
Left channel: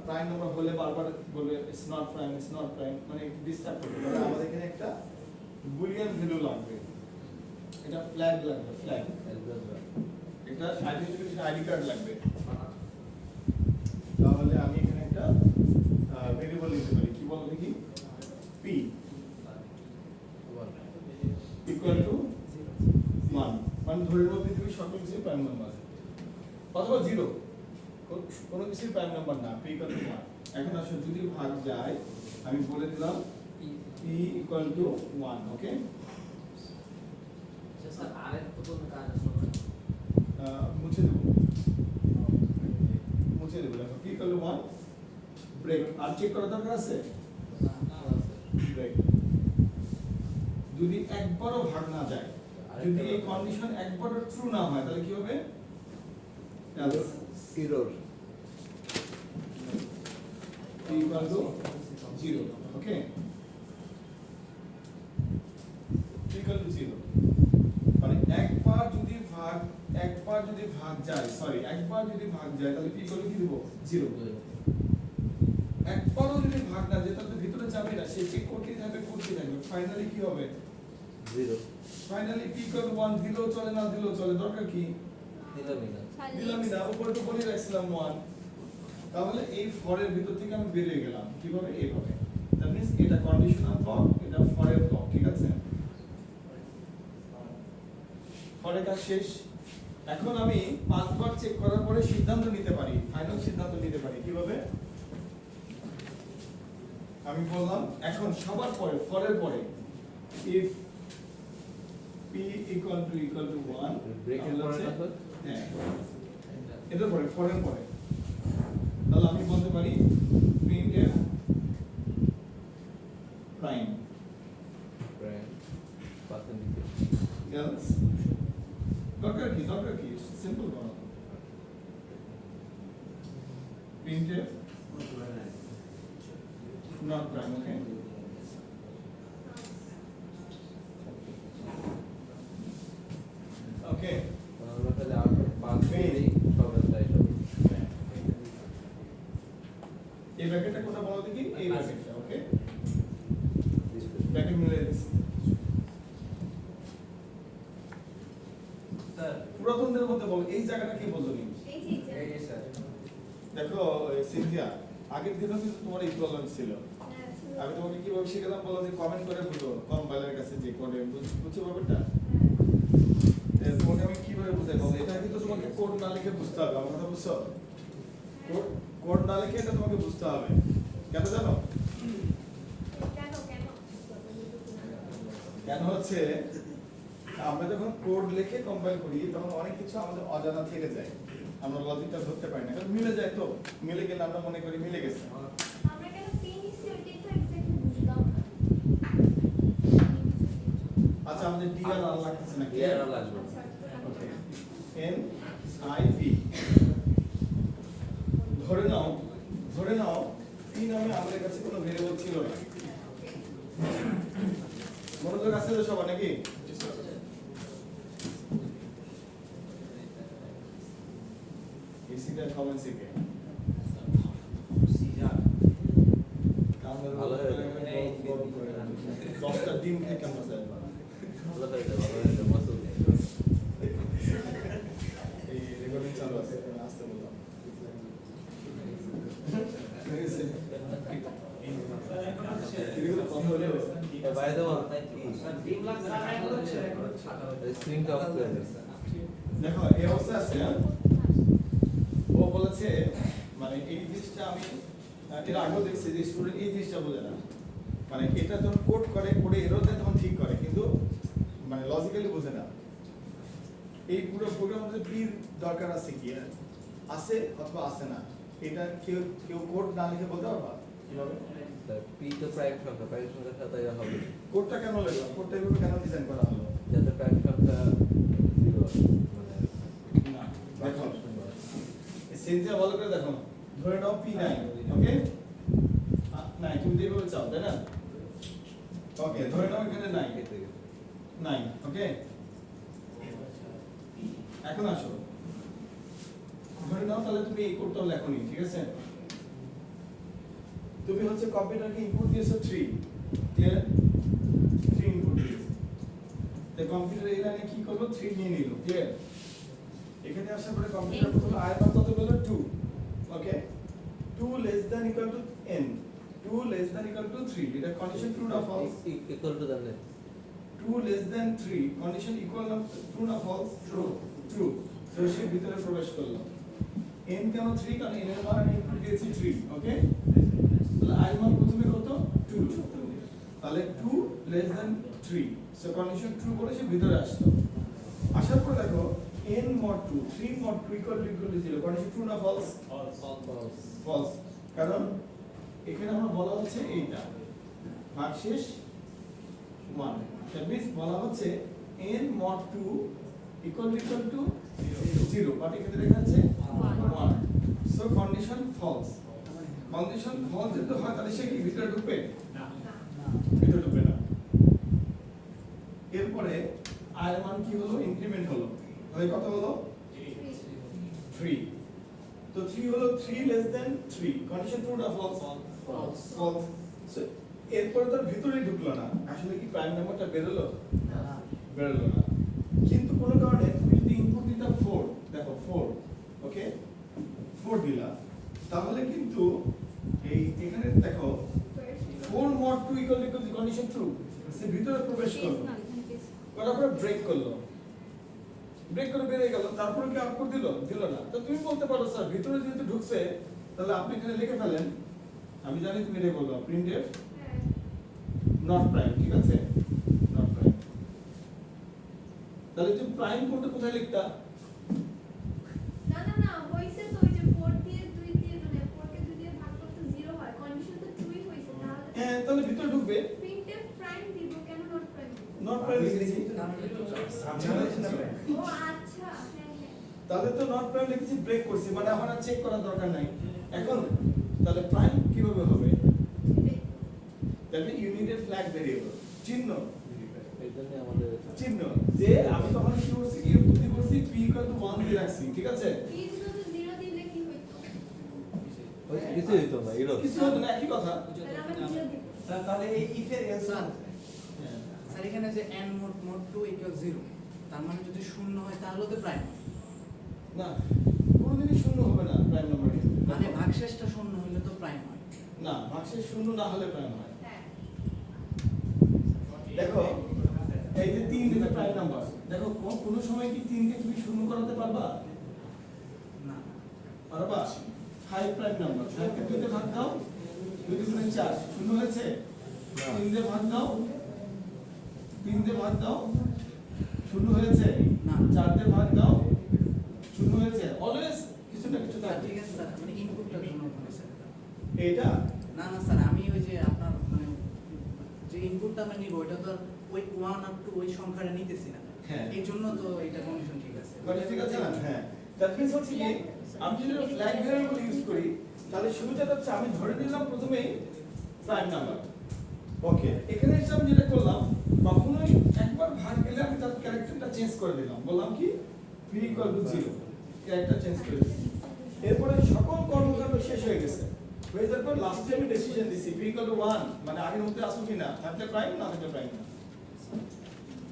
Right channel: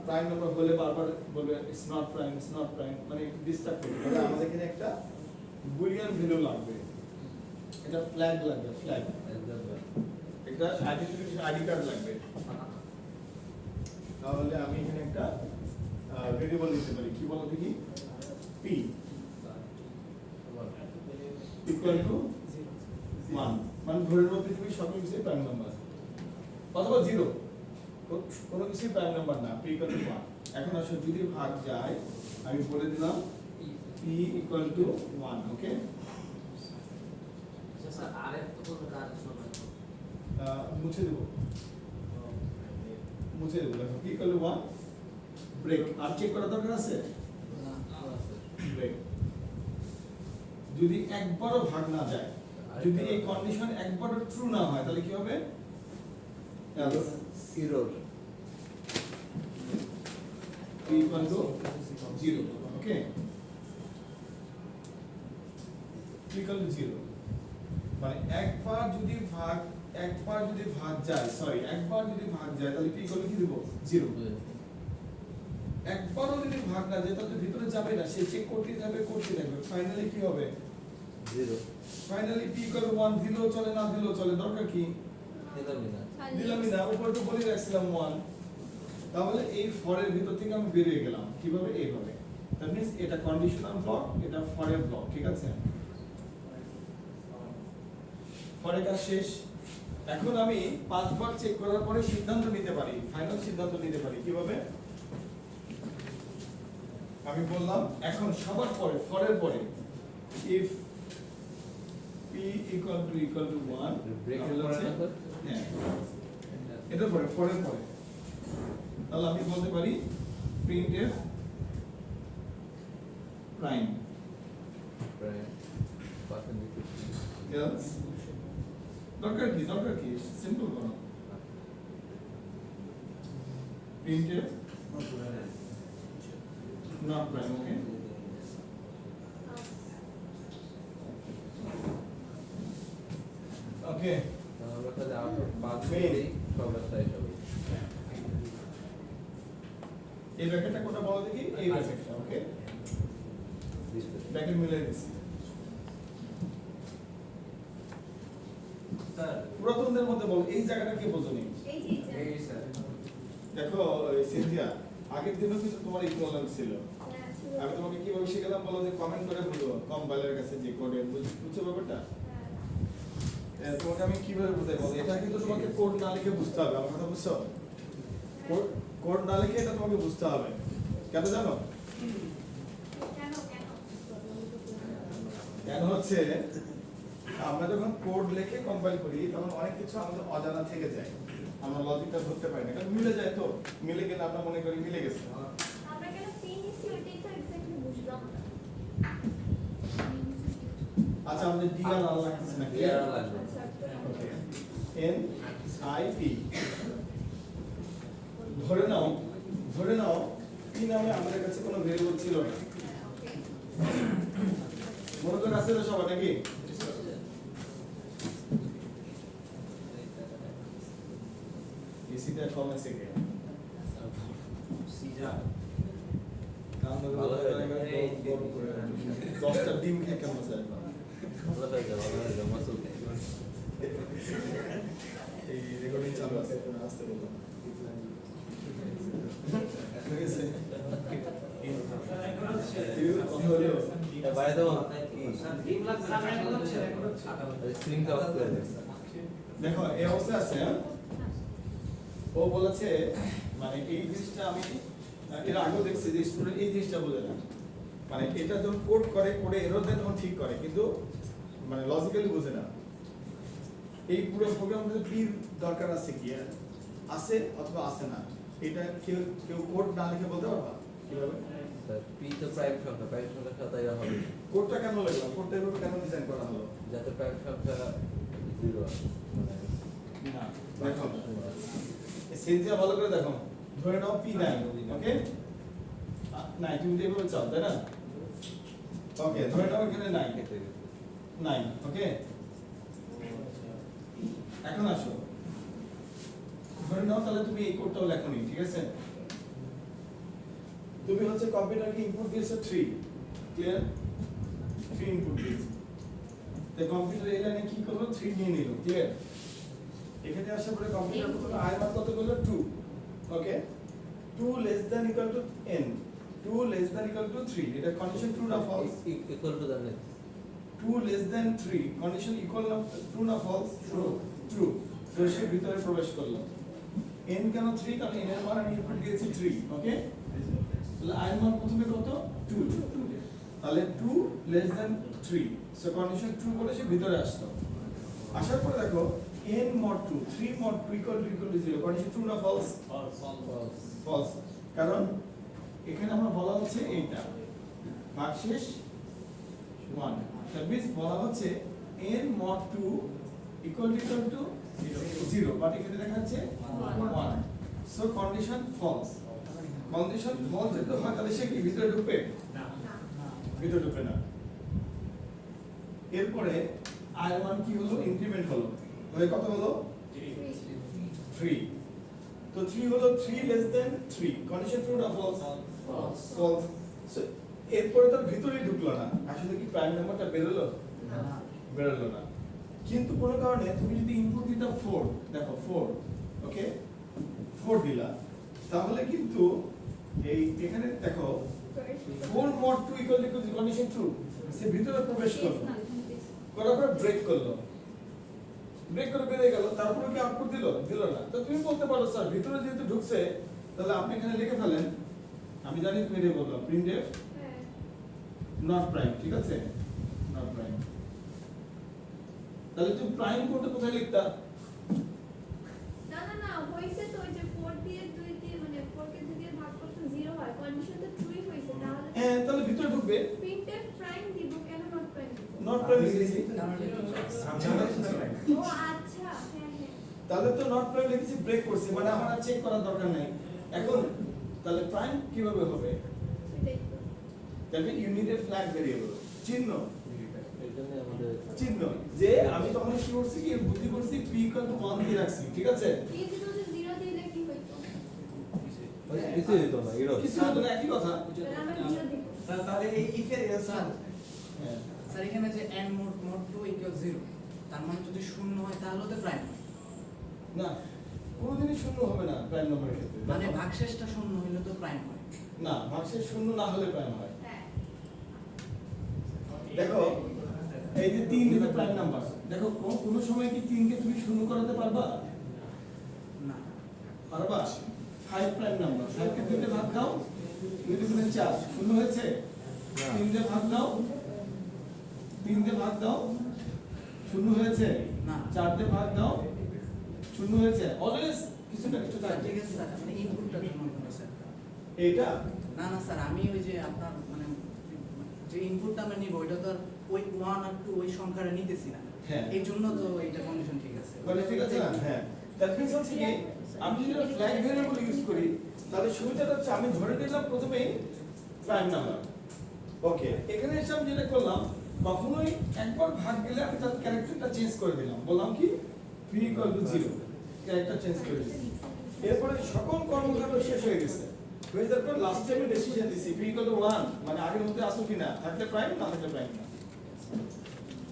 প্রাইম নাম্বার হলে বারবার বলবে ইটস নট প্রাইম মানে একটু ডিস্টার্ব করবে তাহলে আমাদের এখানে একটা বুলিয়ান ভ্যালু লাগবে এটা ফ্ল্যাগ লাগবে ফ্ল্যাগ এটা আইডেন্টিফিকেশন আইডি কার্ড লাগবে তাহলে আমি এখানে একটা ভেরিয়েবল নিতে পারি কি বলো দেখি p ইকুয়াল টু 1 মানে ধরে নাও পৃথিবীর সব কিছুই প্রাইম নাম্বার অথবা 0 কোনো কিছুই প্রাইম নাম্বার না p ইকুয়াল টু 1 এখন আসলে যদি ভাগ যায় আমি বলে দিলাম p equal to 1 okay sir আরেক তো কোন কাজ আছে মুছে দেব দেখো p ইকুয়াল টু 1 ব্রেক আর চেক করা দরকার আছে ব্রেক যদি একবারও ভাগ না যায় যদি এই কন্ডিশন একবারও ট্রু না হয় তাহলে কি হবে এরর p ইকুয়াল টু 0 ওকে p ইকুয়াল টু 0 মানে একবার যদি ভাগ যায় সরি একবার যদি ভাগ যায় তাহলে p ইকুয়াল টু কি দেব 0 একবারও যদি ভাগ না যায় তাহলে ভিতরে যাবে না সে চেক করতেই থাকবে ফাইনালি কি হবে 0 ফাইনালি p ইকুয়াল টু 1 দিলেও চলে না দিলেও চলে দরকার কি দিলামই না উপরে তো বলে রাখছিলাম 1 তাহলে এই ফরের ভিতর থেকে আমি বের হয়ে গেলাম কিভাবে এইভাবে দ্যাট মিন্স এটা কন্ডিশনাল ফর এটা ফরের ব্লক ঠিক আছে ফরের কাজ শেষ এখন আমি পাঁচবার চেক করার পরে সিদ্ধান্ত নিতে পারি ফাইনাল সিদ্ধান্ত নিতে পারি কিভাবে আমি বললাম এখন সবার পরে ফরের পরে if p equal to 1 ব্রেকের পরে না স্যার হ্যাঁ এটা পরে ফরের পরে তাহলে আমি বলতে পারি printf prime else দরকার কি সিম্পল বানাও printf not prime okay okay আমরা তাহলে আউট অফ 5 দিই সবার সাইড হবে এই ব্র্যাকেটটা কোনটা বলো দেখি এই ব্র্যাকেটটা ওকে ব্র্যাকেট মিলে দিচ্ছি স্যার পুরাতনদের মধ্যে বলো এই জায়গাটা কি বলতো নি এই যে এই স্যার দেখো সিনথিয়া আগের দিনও কিন্তু তোমার এই প্রবলেম ছিল আমি তোমাকে কিভাবে শিখালাম বলো যে কমেন্ট করে বলো কম্পাইলারের কাছে যে কোডে বুঝছো ব্যাপারটা তোমাকে আমি কিভাবে বুঝাই বলো এটা কিন্তু তোমাকে কোড না লিখে বুঝতে হবে আমার কথা বুঝছো কোড না লিখে এটা তোমাকে বুঝতে হবে কেন জানো কেন হচ্ছে আমরা যখন কোড লিখে কম্পাইল করি তখন অনেক কিছু আমাদের অজানা থেকে যায় আমরা লজিকটা ধরতে পারি না কারণ মিলে যায় তো মিলে গেলে আমরা মনে করি মিলে গেছে আমরা কেন পিনিসি ওইটাই তো এক্স্যাক্টলি বুঝলাম না আচ্ছা আমাদের ডি আর আর লাগতেছে না কি আর লাগবে ওকে এন আই পি ধরে নাও পি নামে আমাদের কাছে কোনো ভেরিয়েবল ছিল না মনোযোগ আছে তো সবার নাকি এসিটা কমেন্ট থেকে গরম করে 10টা ডিম খেয়ে কেমন যায় ভালো হয়ে যাবে, ভালো হয়ে যাবে, মাসুদ। এই রেকর্ডিং চালু আছে আসতে বললাম কথা হলো এ বাইরে দেবো, স্যার ডিম লাগবে না, এখন হচ্ছে এই স্ক্রিনটা অফ করে দে। দেখো এই অবস্থা আছে ও বলেছে মানে এই জিনিসটা আমি এর আগেও দেখছি যে স্টুডেন্ট এই জিনিসটা বলে না মানে এটা যখন কোড করে এরর দেয় তখন ঠিক করে কিন্তু মানে লজিক্যালি বোঝে না এই পুরো প্রোগ্রাম মধ্যে পির দরকার আছে কি আছে অথবা আছে না এটা কেউ কেউ কোড না লিখে বলতে পারবা কিভাবে পি তো প্রাইম সংখ্যার সাথে এরা হবে না। কোডটা কেন লিখলাম কোডটা এভাবে কেন ডিজাইন করা হলো যাতে প্রাইম সংখ্যা 0 মানে না দেখো সেন্সিয়া ভালো করে দেখো ধরে নাও পি নাই ওকে নাই তুমি যেভাবে চাও তাই না ওকে ধরে নাও এখানে নাই কেটে গেছে। নাই ওকে এখন আসো ধরে নাও তাহলে তুমি এই কোডটাও লেখোনি ঠিক আছে তুমি হচ্ছে কম্পিউটারকে ইনপুট দিয়েছো 3 ক্লিয়ার 3 ইনপুট দিয়েছো তো কম্পিউটার এই লাইনে কি করলো 3 নিয়ে নিল ক্লিয়ার এখানে আসার পরে কম্পিউটার প্রথমে i মান কত বললো 2 okay 2 less than equal to n 2 less than equal to 3 এটা কন্ডিশন ট্রু না false equal to that 2 less than 3 condition equal না true না false true তো সে ভিতরে প্রবেশ করলো n কেন 3 কারণ n এর মান আমি ইনপুট দিয়েছি 3 ওকে তাহলে i এর মান প্রথমে কত 2 তাহলে 2 less than 3 so condition true বলে সে ভিতরে আসলো আসার পর দেখো n mod 2 3 mod 2 equal to 0 condition true না false false কারণ এখানে আমরা বলা হচ্ছে এইটা ভাগশেষ 1 that means বলা হচ্ছে n mod 2 equal to 0 but এখানে দেখা যাচ্ছে 1 so condition false যদি হয় তাহলে সে কি ভিতরে ঢুকবে ভিতরে ঢুকবে না এরপরে আর মান কি হলো ইনক্রিমেন্ট হলো তাহলে কত হলো 3 তো 3 হলো 3 less than 3 condition true না false false so এরপরে তার ভিতরে ঢুকলো না আসলে কি প্রাইম নাম্বারটা বেরোলো না কিন্তু কোনো কারণে তুমি যদি ইনপুট দিতা 4 দেখো 4 ওকে 4 দিলা তাহলে কিন্তু এই এখানে দেখো 4 mod 2 equal to condition true সে ভিতরে প্রবেশ করলো করার পরে ব্রেক করলো ব্রেক করে বেরিয়ে গেল তারপরে কি আউটপুট দিল না তো তুমি বলতে পারো স্যার ভিতরে যেহেতু ঢুকছে তাহলে আপনি এখানে লিখে ফেলেন আমি জানি তুমি এটা বলবা printf not prime ঠিক আছে not prime তাহলে তুমি প্রাইম কোডটা কোথায় লিখতা না হইছে তো ওই যে 4 দিয়ে 2 দিয়ে মানে 4 কে 2 দিয়ে ভাগ করতে 0 হয় কন্ডিশন তো ট্রুই হইছে তাহলে হ্যাঁ তাহলে ভিতরে ঢুকবে printf প্রাইম দিব কেন নট প্রাইম দিব not prime লিখেছি ও আচ্ছা হ্যাঁ তাহলে তো not prime লিখেছি ব্রেক করছি মানে আমার আর চেক করার দরকার নাই এখন তাহলে প্রাইম কিভাবে হবে সেটাই তাহলে ইউনিটেড ফ্ল্যাগ ভেরিয়েবল চিহ্ন এই জন্য আমাদের চিহ্ন যে আমি তখন কি করছি কি বুদ্ধি করছি p equal to 1 দিয়ে রাখছি ঠিক আছে এই যে যদি 0 দিলে কি হইতো কিছু হইতো না এরকম কিছু হতো না একই কথা তাহলে আমরা 0 দিব তাহলে এই ইফের এলস হ্যাঁ স্যার এখানে যে n mod 2 equal 0 তার মানে যদি শূন্য হয় তাহলে তো প্রাইম হয় না কোনোদিনই শূন্য হবে না প্রাইম নাম্বার ক্ষেত্রে মানে ভাগশেষটা শূন্য হইলে তো প্রাইম হয় না ভাগশেষ শূন্য না হলে প্রাইম হয় হ্যাঁ দেখো এই যে 3 এটা প্রাইম নাম্বার দেখো কোনো সময় কি 3 কে তুমি শূন্য করাতে পারবা না পারবা 5 প্রাইম নাম্বার 5 কে 2 তে ভাগ দাও 2 তে 4 শূন্য হয়েছে 3 তে ভাগ দাও 3 তে ভাগ দাও শূন্য হয়েছে না। 4 তে ভাগ দাও শূন্য হয়েছে অলওয়েজ কিছু না কিছু স্যার থাকে ঠিক আছে স্যার মানে ইনপুটটার জন্য হবে স্যার এইটা না স্যার আমি ওই যে আপনার মানে যে ইনপুটটা আমি নিব ওইটা তো আর ওই 1 আর 2 ওই সংখ্যাটা নিতেছি না হ্যাঁ। এই জন্য তো এটা কন্ডিশন ঠিক আছে বলে ঠিক আছে না হ্যাঁ দ্যাট মিন্স হচ্ছে কি আমি যদি ফ্ল্যাগ ভেরিয়েবল ইউজ করি তাহলে সুবিধাটা হচ্ছে আমি ধরে নিলাম প্রথমেই প্রাইম নাম্বার ওকে এখানে এসে আমি যেটা করলাম কখনোই একবার ভাগ গেলে আমি তার ক্যারেক্টারটা চেঞ্জ করে দিলাম বললাম কি p equal to 0 character change করে দিলাম এরপরে সকল কর্মকাণ্ড শেষ হয়ে গেছে হয়ে যাওয়ার পর লাস্টে আমি ডিসিশন দিছি p = 1 মানে আগের মধ্যে আসো কিনা, থাকলে প্রাইম না থাকলে প্রাইম না।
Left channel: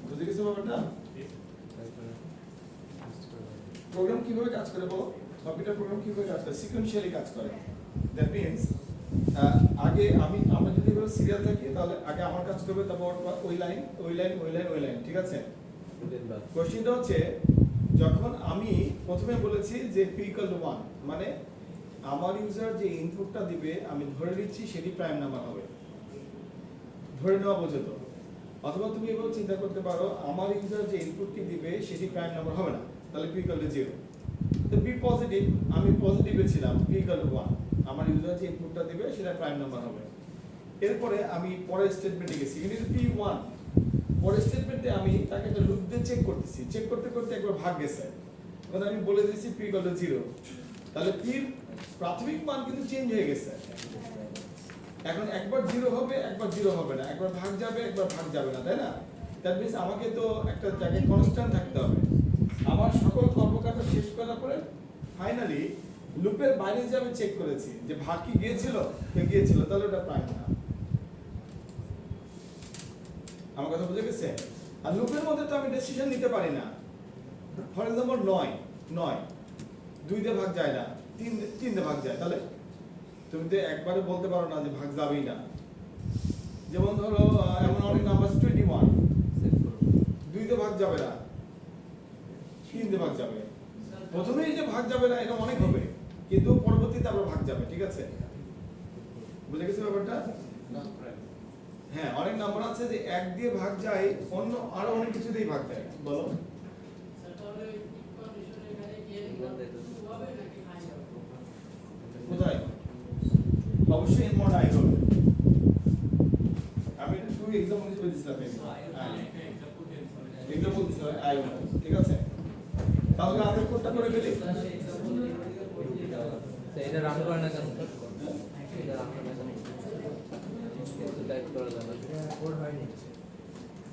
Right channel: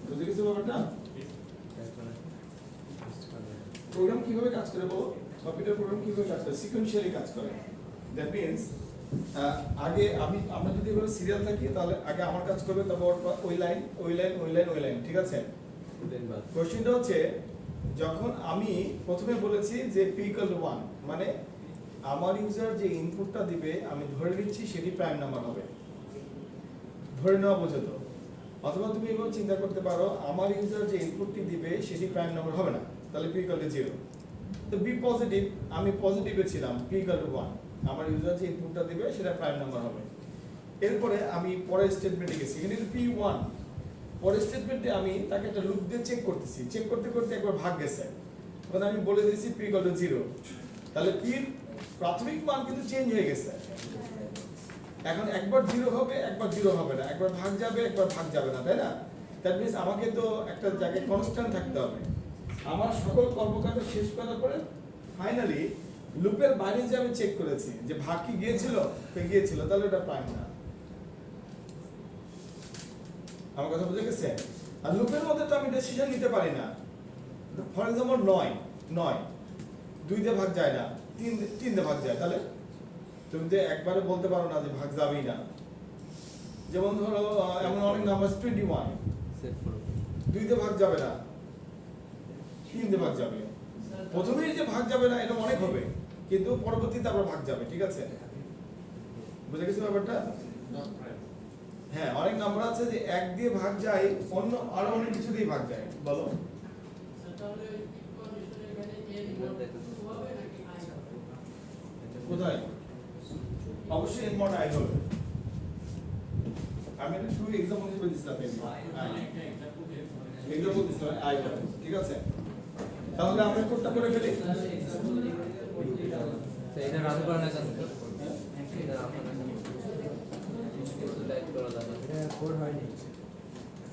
বুঝতে গেছো ব্যাপারটা? প্রোগ্রাম কিভাবে কাজ করে বলো? কম্পিউটার প্রোগ্রাম কিভাবে কাজ করে? সিকোয়েন্সিয়ালি কাজ করে। দ্যাট মিন্স আগে আমরা যদি বলি সিরিয়াল থাকি তাহলে আগে আমার কাজ করবে, তারপর ওই লাইন ওই লাইন ওই লাইন ওই লাইন, ঠিক আছে? কোশ্চেনটা হচ্ছে যখন আমি প্রথমে বলেছি যে p = 1 মানে আমার ইউজার যে ইনপুটটা দিবে আমি ধরে নিচ্ছি সেটি প্রাইম নাম্বার হবে, ধরে নেওয়া বোঝাতো। অথবা তুমি এভাবে চিন্তা করতে পারো আমার ইউজার যে ইনপুটটি দিবে সেটি প্রাইম নাম্বার হবে না, তাহলে p = 0। তো বি পজিটিভ, আমি পজিটিভে ছিলাম, p = 1 আমার ইউজার যে ইনপুটটা দিবে সেটা প্রাইম নাম্বার হবে। এরপরে আমি পরের স্টেটমেন্টে গেছি, এখানে p1 পরের স্টেটমেন্টে আমি তাকে একটা লুপ দিয়ে চেক করতেছি, চেক করতে করতে একবার ভাগ গেছে, তখন আমি বলে দিয়েছি p = 0, তাহলে p এর প্রাথমিক মান কিন্তু চেঞ্জ হয়ে গেছে। এখন একবার 0 হবে একবার 0 হবে না, একবার ভাগ যাবে একবার ভাগ যাবে না, তাই না? দ্যাট মিন্স আমাকে তো একটা জায়গায় কনস্ট্যান্ট থাকতে হবে। আমার সকল কর্মকাণ্ড শেষ করার পরে ফাইনালি লুপের বাইরে যে আমি চেক করেছি যে ভাগ কি গিয়েছিল, গিয়েছিল, তাহলে ওটা প্রাইম না। আমার কথা বুঝে গেছে? আর লুপের মধ্যে তো আমি ডিসিশন নিতে পারি না। ফর এক্সাম্পল 9 2 দিয়ে ভাগ যায় না, 3 দিয়ে ভাগ যায়, তাহলে তুমি তো একবারে বলতে পারো না যে ভাগ যাবেই না। যেমন ধরো এমন অনেক নাম্বার 21 2 দিয়ে ভাগ যাবে না, 3 দিয়ে ভাগ যাবে। প্রথমেই যে ভাগ যাবে না এটা অনেক হবে, কিন্তু পরবর্তীতে আবার ভাগ যাবে, ঠিক আছে? বুঝে গেছো ব্যাপারটা? হ্যাঁ, অনেক নাম্বার আছে যে 1 দিয়ে ভাগ যায়, অন্য আরো অনেক কিছু দিয়ে ভাগ যায়। বলো তাহলে কন্ডিশনের এখানে a = 2 হবে নাকি i হবে? কোথায়? অবশ্যই এর মনে আই হবে। আমি একটু এক্সাম্পল হিসেবে দিছিলাম, এক্সাম্পল দিছিলাম আই হবে, ঠিক আছে? তাহলে আমরা কোডটা করে ফেলি। এটা রান করা না কেন? এটা রান করা না কেন? টাইপ করা যায় না, এটা কোড হয়নি।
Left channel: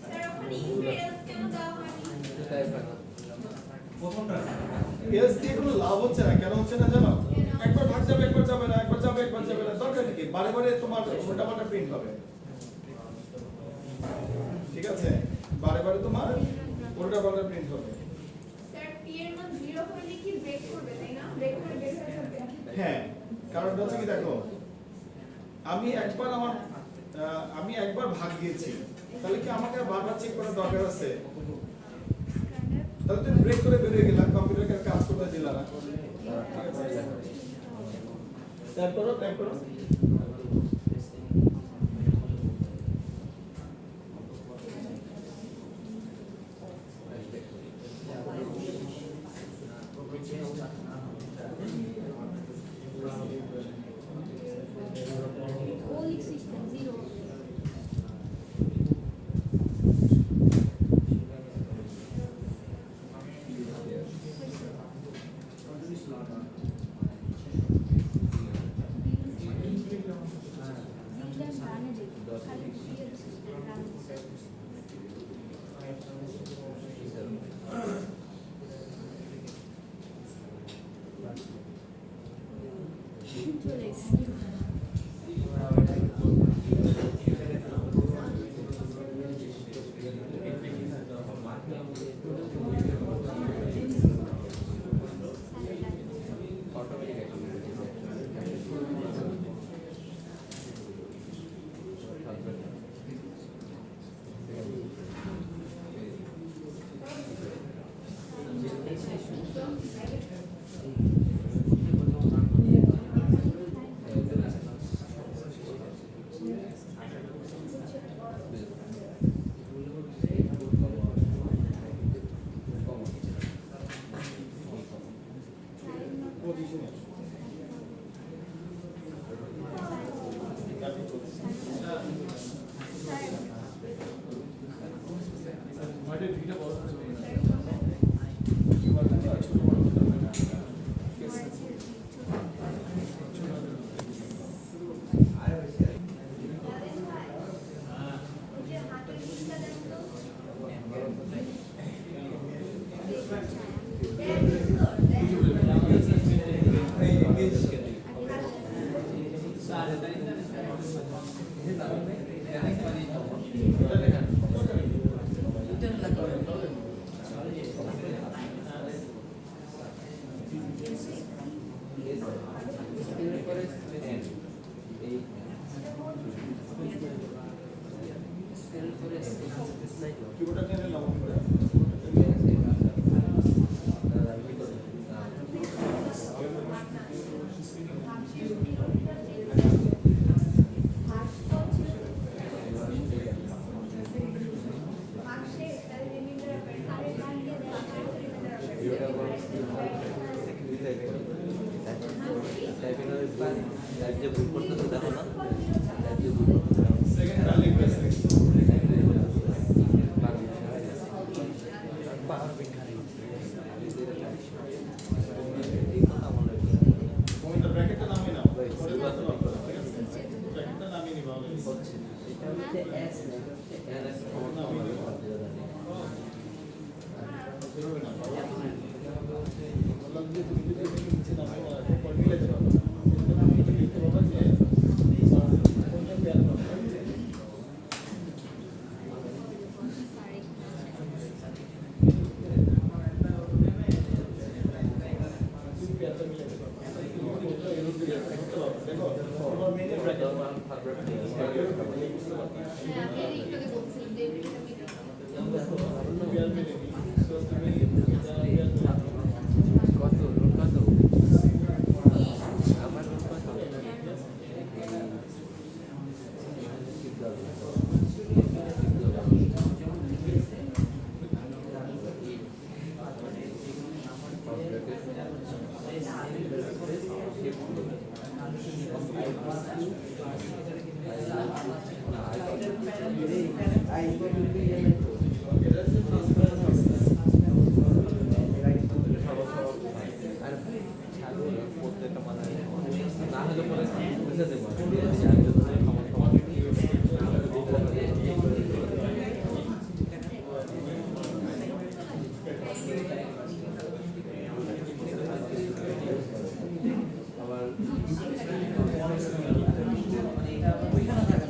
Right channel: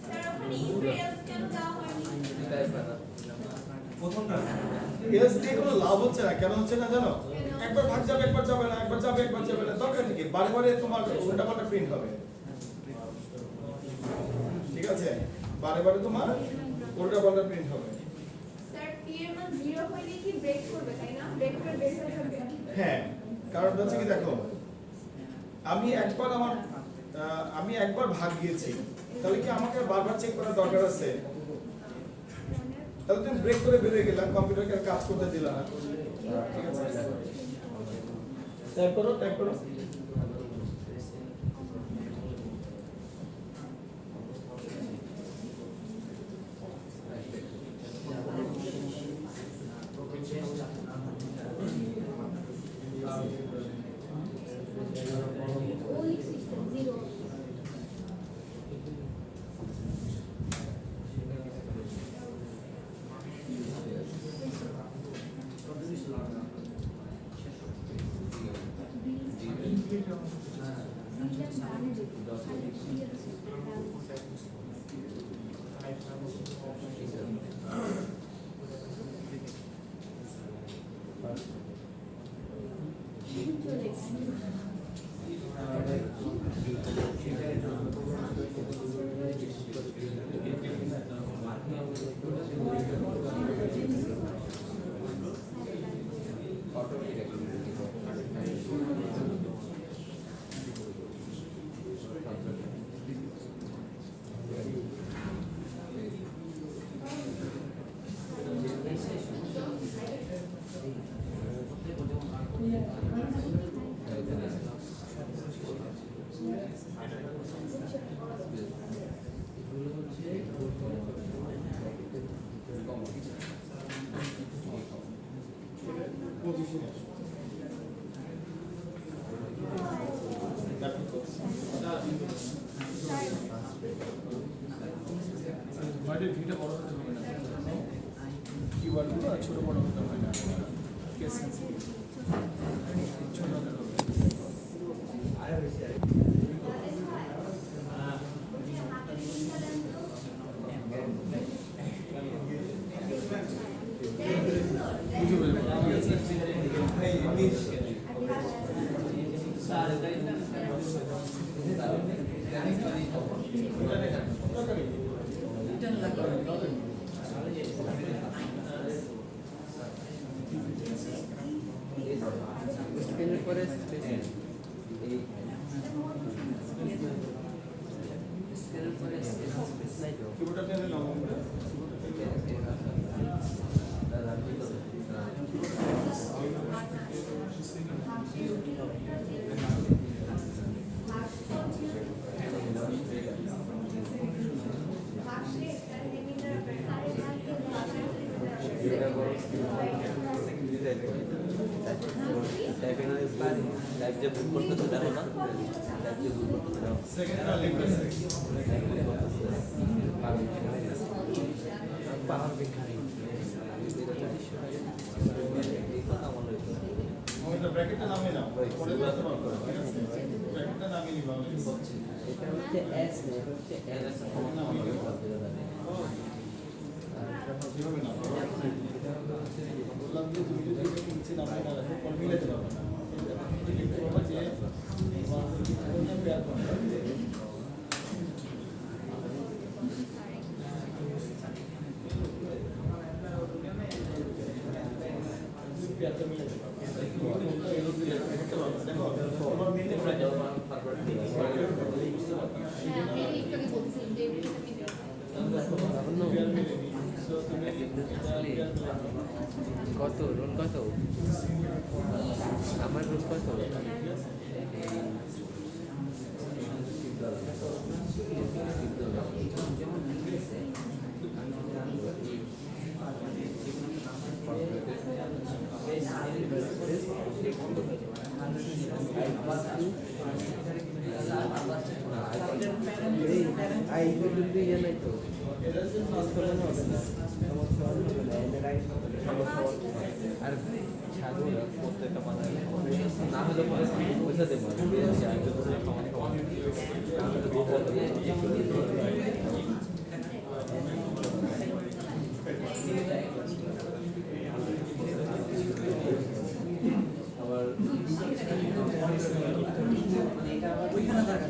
স্যার ওখানে ইউএস কেন দেওয়া হয়নি? টাইপ হয় না। এলস দিয়ে কোনো লাভ হচ্ছে না, কেন হচ্ছে না জানো? একবার ভাগ যাবে একবার যাবে না, একবার যাবে একবার যাবে না, দরকার কি? বারে বারে তোমার উল্টা পাল্টা প্রিন্ট হবে, ঠিক আছে? বারে বারে তোমার উল্টা পাল্টা প্রিন্ট হবে। স্যার p এর মান 0 হলে কি ব্রেক করবে, তাই না? ব্রেক করে বের হয়ে যাবে। হ্যাঁ, কারণ হচ্ছে কি দেখো, আমি একবার ভাগ গিয়েছি, তাহলে কি আমাকে বারবার চেক করার দরকার আছে? তাহলে তুমি ব্রেক করে বেরিয়ে গেলাম, কম্পিউটারকে কাজ করতে দিলাম না, ঠিক আছে? টাইপ করো। ও লিখছিস 0। চলে এসেছি। ওটা দেখেন, দরকারই নেই। রিটার্ন লাগবে স্পেলের পরে স্পেস এই স্পেলের পরে স্পেস কিবোর্ডটা টেনে নাও আমরা। টাইপিং টাইপ যে ভুল করতে তো দেখো না, টাইপ যে ভুল করতে দেখো সেকেন্ডটা লিখবে ওটা ব্র্যাকেটটা নামিয়ে নাও, পরে করতে পারবে না, ঠিক আছে? ব্র্যাকেটটা নামিয়ে নিবা অনেক। এটা হচ্ছে এস না, হচ্ছে এর একটা সমস্যা হবে এভাবে নাও। বললাম যে তুমি যদি এখানে নিচে নামাও না, পরে মিলাতে পারবে না। এটা লিখতে পারবা যে কোনটা পেয়ার করতে হবে। পেয়ারটা মিলাতে পারবে। কোনটা এরকম লিখতে পারবে। দেখো, তোমার মেইনে ব্র্যাকেট হ্যাঁ, আপনি একটু বলছিলেন যে এটা কত রোল কত আমার রোল কত আর প্রত্যেকটা মানে না হলে পরে বুঝে দেবো আবার ওইখানে থাকা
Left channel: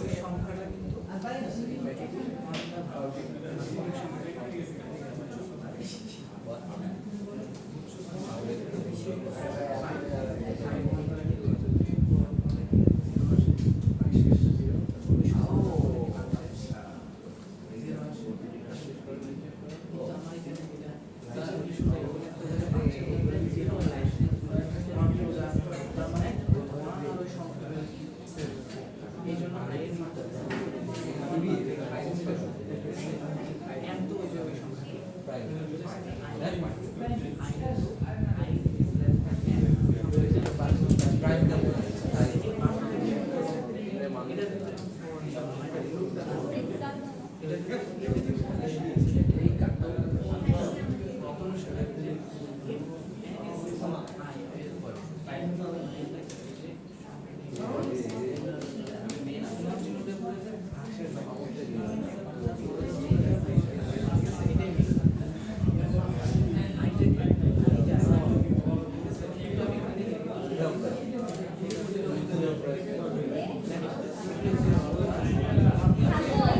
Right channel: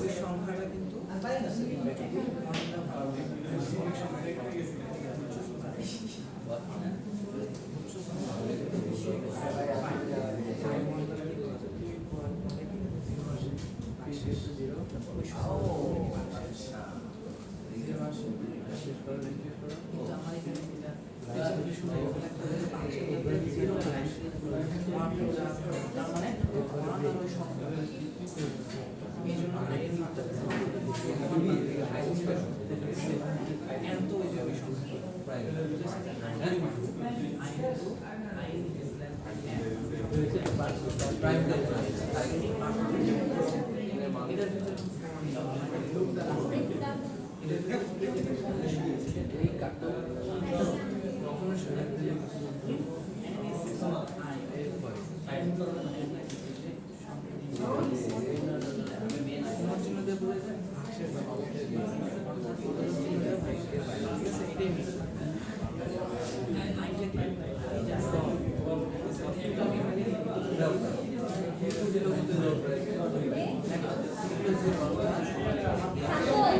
ওই সংখ্যাটা কিন্তু এই জন্য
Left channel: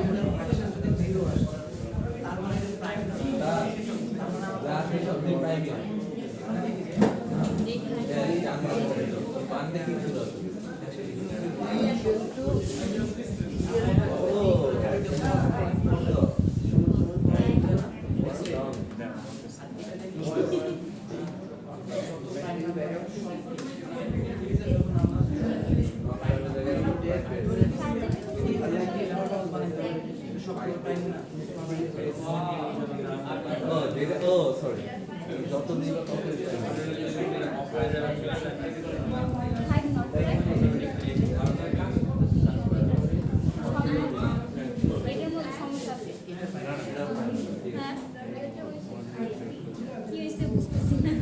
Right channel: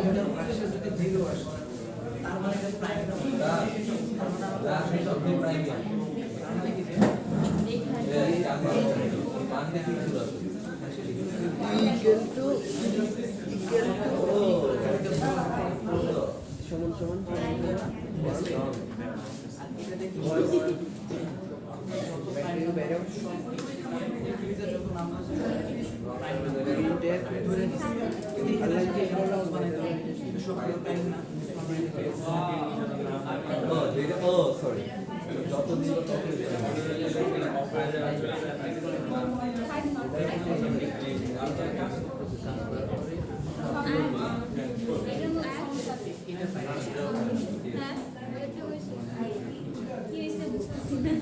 এটার ভাগশেষ যদি 0 আসে তার মানে এটা প্রাইম না প্রাইম তার মানে কি যে সরি যত দিন তত কি হয়েছে বুঝতেছি না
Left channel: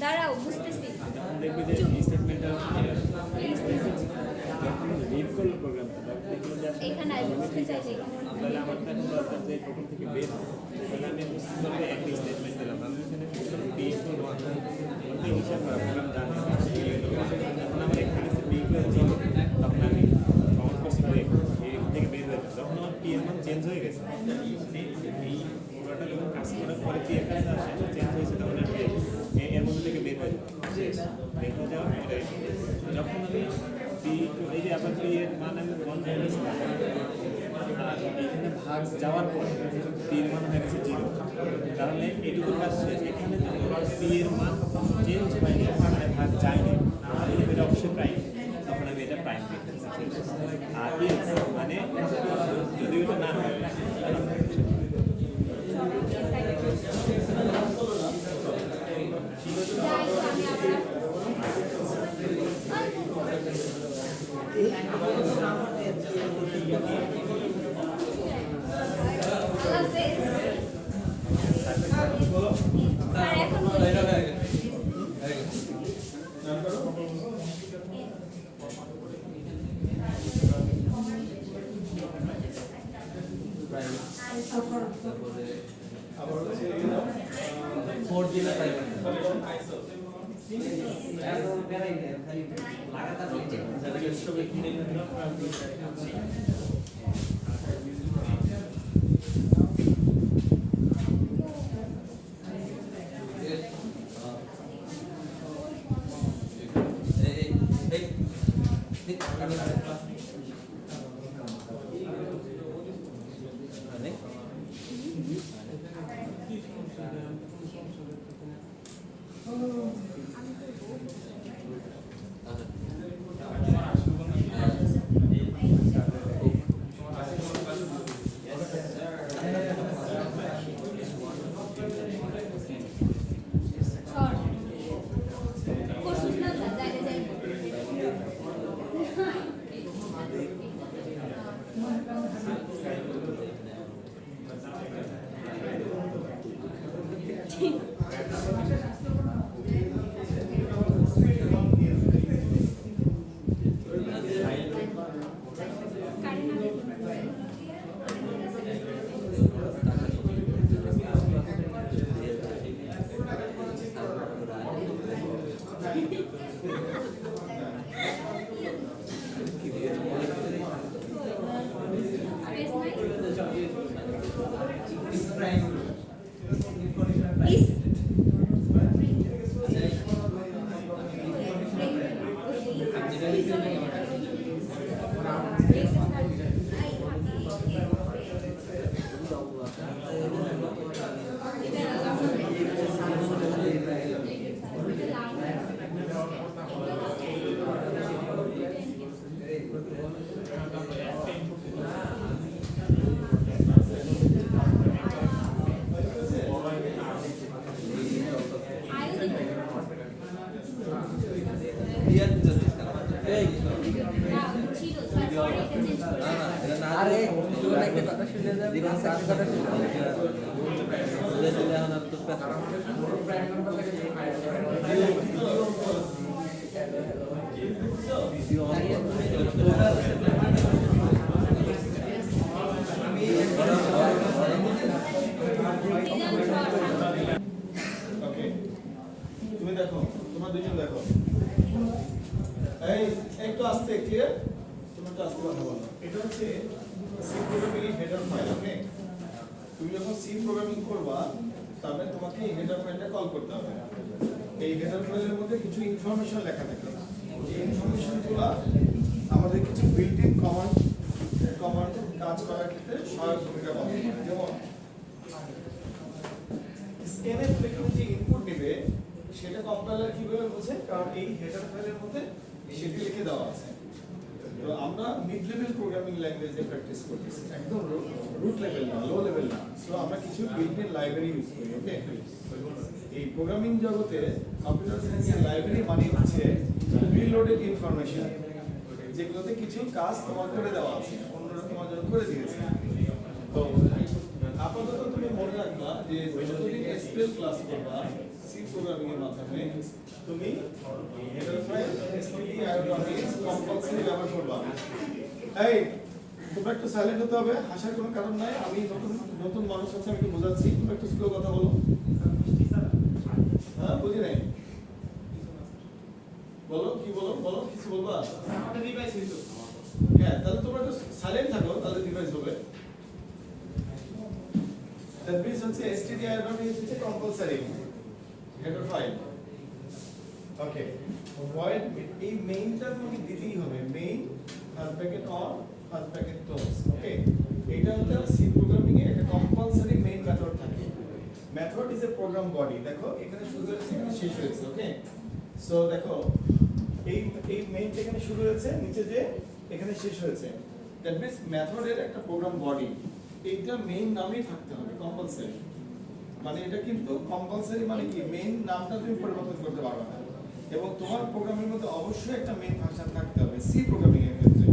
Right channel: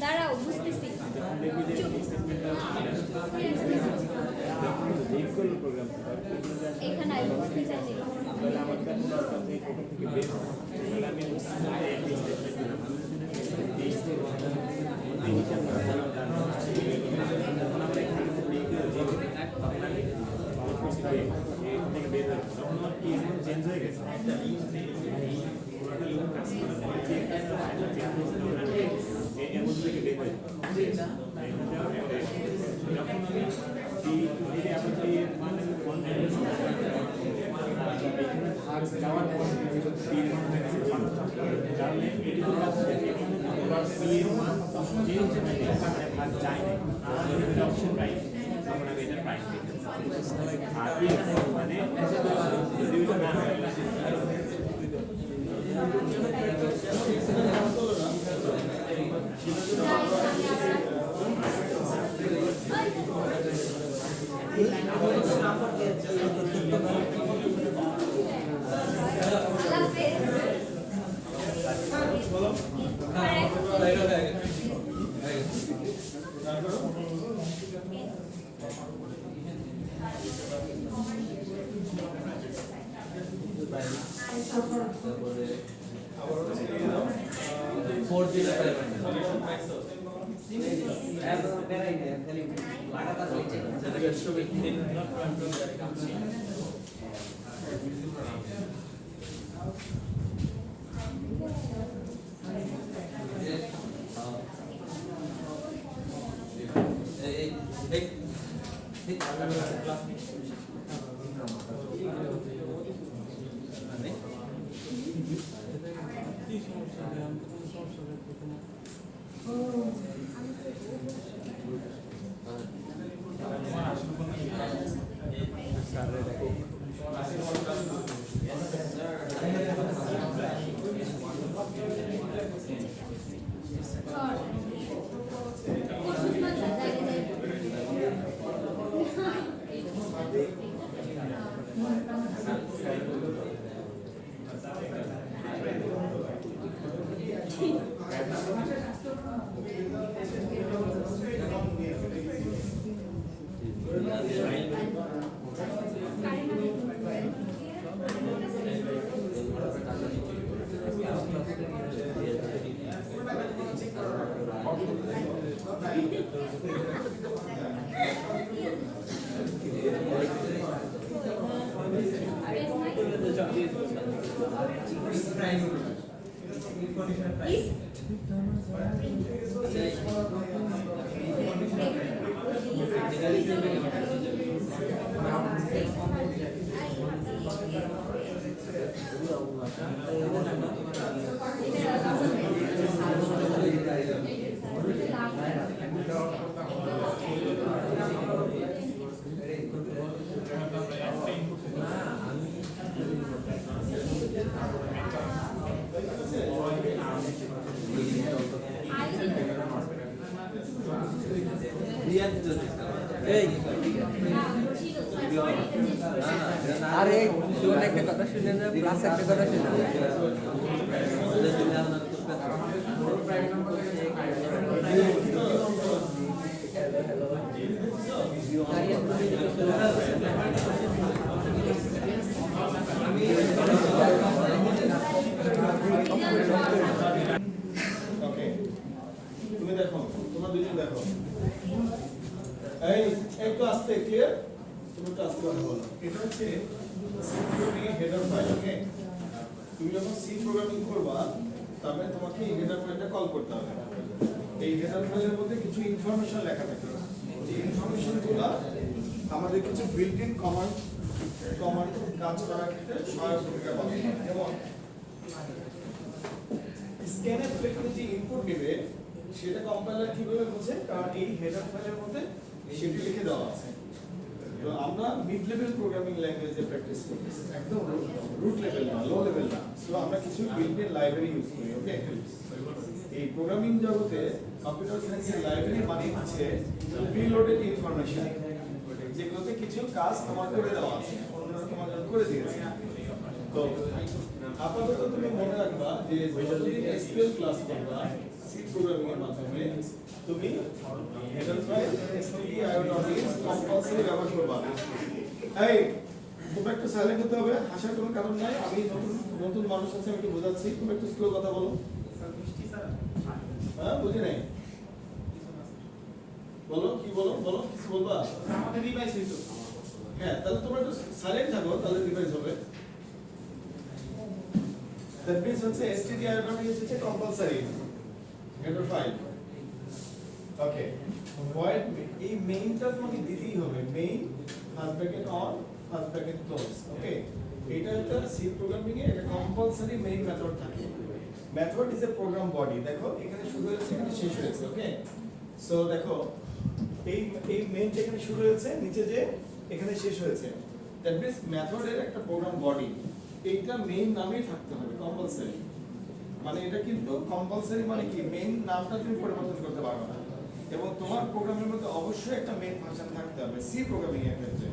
দাঁড়াও বুঝতেছি এখানে বুঝতে চাইছি চেঞ্জ হয়ে গেছে এর মধ্যে থেকে বের হয়ে যখন আমি এই যে আবার এর মানে এখানে ভাগ যাওয়ার পর তীর মান হয়ে গেছে জিরো কারণ এটুকু আসছে এখানে পি এর মান চেঞ্জ হয়ে গেছে ভাগ যায় না তখন এটা অবশ্যই প্রাইম তখন আমি এটা প্রাইম আর মানে যদি এটা না হয় আরে তুই একটা কথা শুনে না কার কথা শুনে ওকে তুমি দেখো তোমরা দুজন দেখো এই একটু আস্তে ক্লিয়ার তুমি একটু আস্তে কথা বলো এটা হচ্ছে সি প্রোগ্রামিং এর হেডার ফাইল ওকে তুমি যখন সি প্রোগ্রামিং করবা তারপরে তোমাকে এই হেডার ফাইলটা কল করতে হবে এই হেডার ফাইলের মধ্যে কিছু ইনফরমেশন লেখা থাকে এই ইনফরমেশনগুলো আমাদের কিছু বিল্ট ইন কমান্ড কাজ করার ক্ষেত্রে সহায়ক ভূমিকা পালন করে যেমন স্ক্যানের থেকে যে ইনপুট নেবে সেটা কম্পাইলার কিভাবে বোঝে কারণ এই হেডার ফাইলের মধ্যে সেটি লিখে দেওয়া আছে তো আমরা মিড লেভেল প্রোগ্রামিং ল্যাঙ্গুয়েজে প্র্যাকটিস করি একদম রুট লেভেল না লো লেভেল না সো আমরা কিছু বিল্ট ইন লাইব্রেরি ইউজ করি ওকে এই প্রোগ্রামিং জগতে কম্পিউটার সায়েন্সের লাইব্রেরি মানে হচ্ছে প্রিলোডেড ইনফরমেশন যেগুলোতে কিছু কাজ তোমার করে দেওয়া আছে অন্যরা তোমার জন্য করে দিয়েছে তো আপাতত তুমি মনে রাখবা যে যতদিন এসকিউএল ক্লাস করবা সি প্রোগ্রামিং এর মাধ্যমে তুমি হেডার ফাইল এসটিডি আইওটিএস কম্পালসরি ব্যবহার করবা এই তোমরা একটু সাইলেন্ট হতে হবে হাসার কোনো কারণ নাই আমি নতুন নতুন মানুষ আছে আমি একটু বোঝাচ্ছি তোমরা একটু স্লো কথা বলো হ্যাঁ বুঝি নাই বলো কি বলো বলো কিছু বলবা আমাদের ডিভাইস হইতো হ্যাঁ তাহলে তোমরা একটু সাইলেন্ট থাকো তাহলে ডিভাইস হবে that means হচ্ছে stdio হচ্ছে compulsory header file okay void এই মেইনটা তোমাকে দিতেই হবে main first bracket or first bracket close okay এটা হচ্ছে সি প্রোগ্রামিং এর একটা কম্পালসরি মেইন মেথড থাকে method is a program body দেখো এখানে শুরু হয়েছে এখানে শেষ হয়েছে ওকে সো দেখো এই মেইনটা এখানে শুরু হয়েছে নিচে যে এখানে শেষ হয়েছে দ্যাট মিন্স মেথডের একটা প্রোগ্রাম বডি এইটা মেইন নামেই থাকতে হবে কম্পালসরি মানে এটা কিন্তু কম্পালসরি মানে কি মেইন নামটা তুমি পরিবর্তন করতে পারবে না এবং তোমার প্রোগ্রামের মধ্যে অবশ্যই একটা মেইন ফাংশন থাকতে হবে সি প্রোগ্রামিং এর ক্ষেত্রে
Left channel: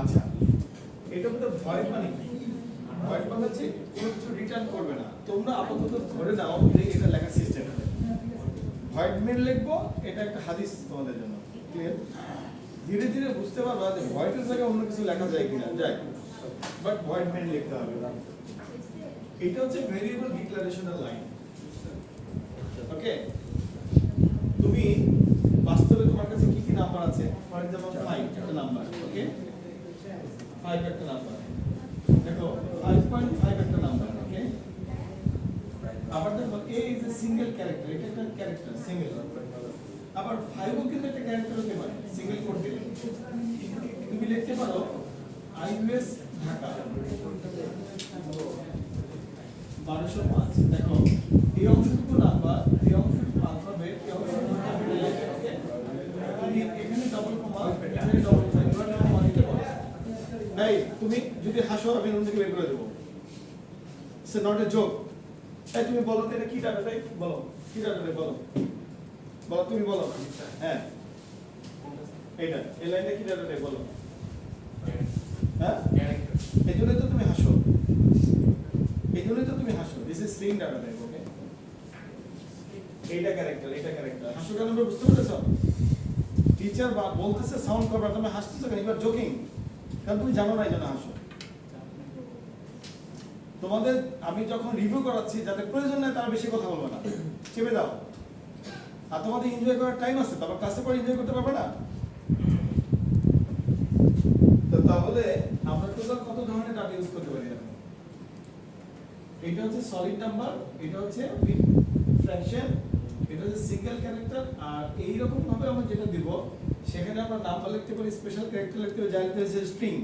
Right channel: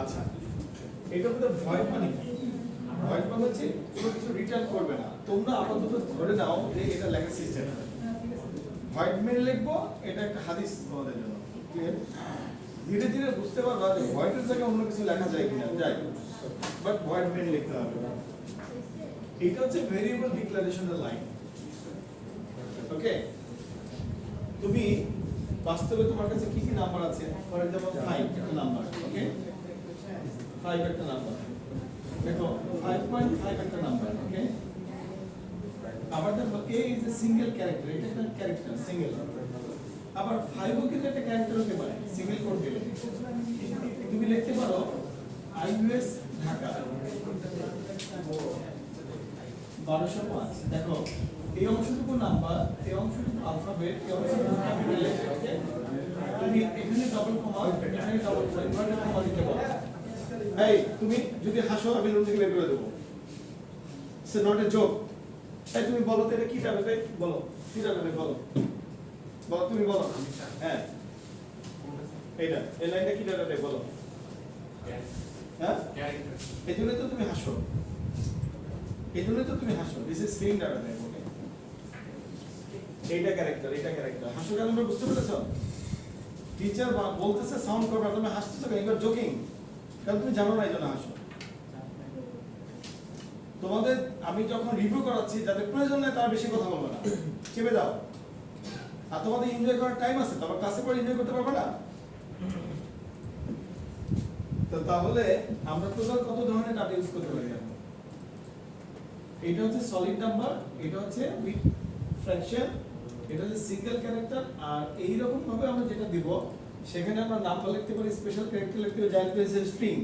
আচ্ছা এটা হলো ভয়েড মানে কি ভয়েড মানে হচ্ছে কোনো কিছু রিটার্ন করবে না তোমরা আপাতত ধরে নাও যে এটা লেখা সিস্টেম ভয়েড মেইন লিখবো এটা একটা হাদিস তোমাদের জন্য ক্লিয়ার ধীরে ধীরে বুঝতে পারবা যে ভয়েডের জায়গায় অন্য কিছু লেখা যায় কিনা যায় বাট ভয়েড মেইন লিখতে হবে এটা হচ্ছে ভেরিয়েবল ডিক্লারেশনাল লাইন ওকে তুমি বাস্তবে তোমার কাছে কি কি নাম্বার আছে ফর एग्जांपल 5 একটা নাম্বার ওকে 5 একটা নাম্বার দেখো 5.5 একটা নাম্বার ওকে আবার দেখো a is a single character এটা একটা ক্যারেক্টার সিঙ্গেল আবার 5 ও কিন্তু একটা ক্যারেক্টার হতে পারে সিঙ্গেল কোড দিলে তুমি লিখতে পারো আইইউএস ঢাকা 1205 দেখো এই অংশটুকু নাম্বার এই অংশটুকু অ্যালফাবেট এই অংশটুকু ক্যাপিটাল লেটার ওকে তুমি এখানে ডাবল কমা এখানে ডাবল কমা দিতে পারো এই তুমি যদি হাসো আমি রুম থেকে বের করে দেব ইটস নট এ জোক এই তুমি বলো তো এটা কি দাঁড়াবে বলো কি দাঁড়াবে বলো বলো তুমি বলো হ্যাঁ এটা এই লাইনটা কি দাঁড়াবে বলো হ্যাঁ এই জন্য তো তুমি হাসো this is string data type ওকে এটা ক্যারেক্টার হাসো কেন তোমরা বুঝতে পেরেছো? টিচার বলতেছে সাউন্ড করবা, তুমি হাসতেছো কেন? ইউ আর জোকিং, কারণ তুমি জানো না এই জন্য হাসো। তোমাদের আমি যখন রিভিউ করাচ্ছি, যাদের প্রয়োজন নেই তারা বেশি কথা বলবে না, চেপে যাও। আর তোমাদের এনজয় করার টাইম আছে, তারপর ক্লাসে পরে এনজয় করতে পারবে না। তো তাহলে আমরা টোটাল কত ধরনের ডাটা ইউজ করতে পারি? এটা হচ্ছে সলিড নাম্বার, এটা হচ্ছে উইথ ফ্র্যাকশন, এটা হচ্ছে সিঙ্গেল ক্যারেক্টার। আর এই রকম ভাবে আমরা যেটা দিব, সেখানে আমরা নাম্বার লিখতে পারি, স্পেশাল ক্যারেক্টার লিখতে পারি, যা হচ্ছে স্ট্রিং।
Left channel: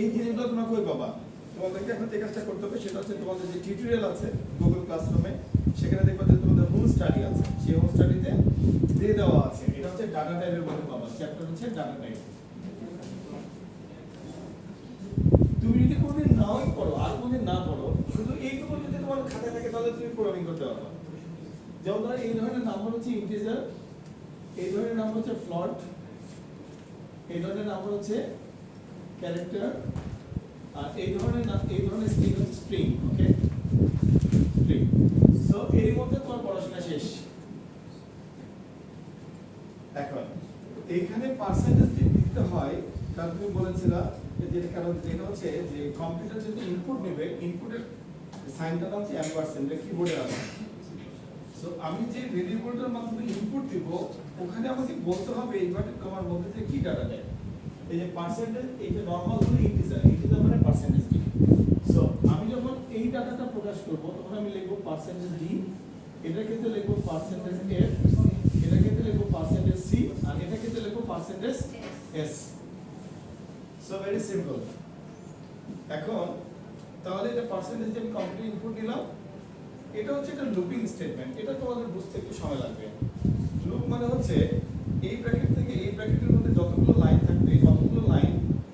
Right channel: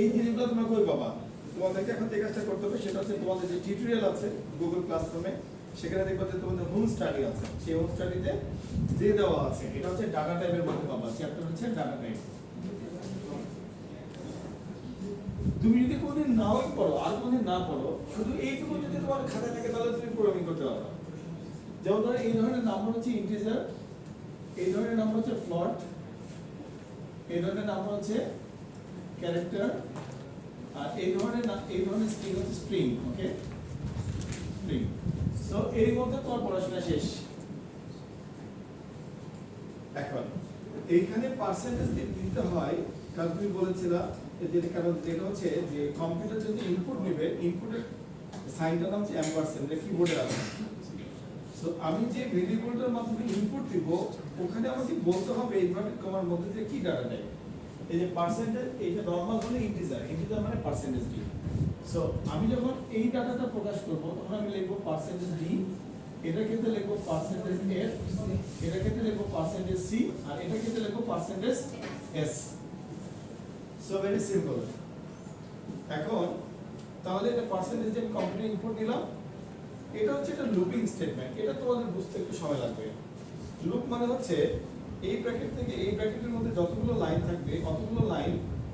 এই জিনিসগুলো তোমরা কই পাবা? তোমাদেরকে এখন যে কাজটা করতে হবে সেটা হচ্ছে তোমাদের যে টিউটোরিয়াল আছে গুগল ক্লাসরুমে, সেখানে দেখবা যে তোমাদের হোম স্টাডি আছে, সেই হোম স্টাডিতে দিয়ে দেওয়া আছে। এটা হচ্ছে ডাটা টাইপের মধ্যে পাবা, চ্যাপ্টার হচ্ছে ডাটা টাইপ। তুমি যদি কোনদিন নাও পড়ো আর কোনদিন না পড়ো, শুধু এইটুকু যদি তোমার খাতায় থাকে তাহলে তুমি প্রোগ্রামিং করতে পারো। যেমন ধরো এই ধরনের নাম্বার হচ্ছে ইন্টিজার, এই ধরনের নাম্বার হচ্ছে ফ্লোট, এই ধরনের নাম্বার হচ্ছে ক্যারেক্টার, আর এই ধরনের স্ট্রিং হচ্ছে স্ট্রিং। ওকে, স্ট্রিং। সো এর মধ্যে তোমার পড়াশোনা শেষ। এখন এইখানে পার্সেন্টেজ দিতে হয়, কারণ তুমি বলেছিলা যেটা কারণ যেটা হচ্ছে যে কম্পিউটার যদি ইনপুট নেবে, ইনপুটের সাইনটার নাম হচ্ছে অ্যাম্পারস্যান্ড, এটা কিবোর্ডে আছে। সো আমি যে ভেরিয়েবলটার মাধ্যমে ইনপুট দিব, ওখানে আমাকে বলতে হবে ইনভার্টেড কমার মধ্যে যে কি ডাটা নেয়। এই যে পার্সেন্টেজ, এটা নরমাল হলে ইন্টিজার, ইন্টিজার মানে পার্সেন্টেজ ডি। সো আমি যখন এই ডাটাটা প্রকাশ করব, তখন আমি লিখব পার্সেন্টেজ ডি, এটার ক্ষেত্রে লিখব পার্সেন্টেজ এফ, এটার ক্ষেত্রে লিখব পার্সেন্টেজ সি, আর এটার ক্ষেত্রে লিখব percentage S. So very simple. এখন তাহলে এটা পার্সেন্টেজ যে কমপ্লিট ইনপুট দিলাম, এটা হচ্ছে একটা লুপিং স্টেটমেন্ট। এটা তোমাদের বুঝতে একটু সময় লাগবে। লুপ মানে হচ্ছে এই ব্র্যাকেট থেকে এই ব্র্যাকেটের মধ্যে যতগুলো লাইন থাকবে, কতগুলো লাইন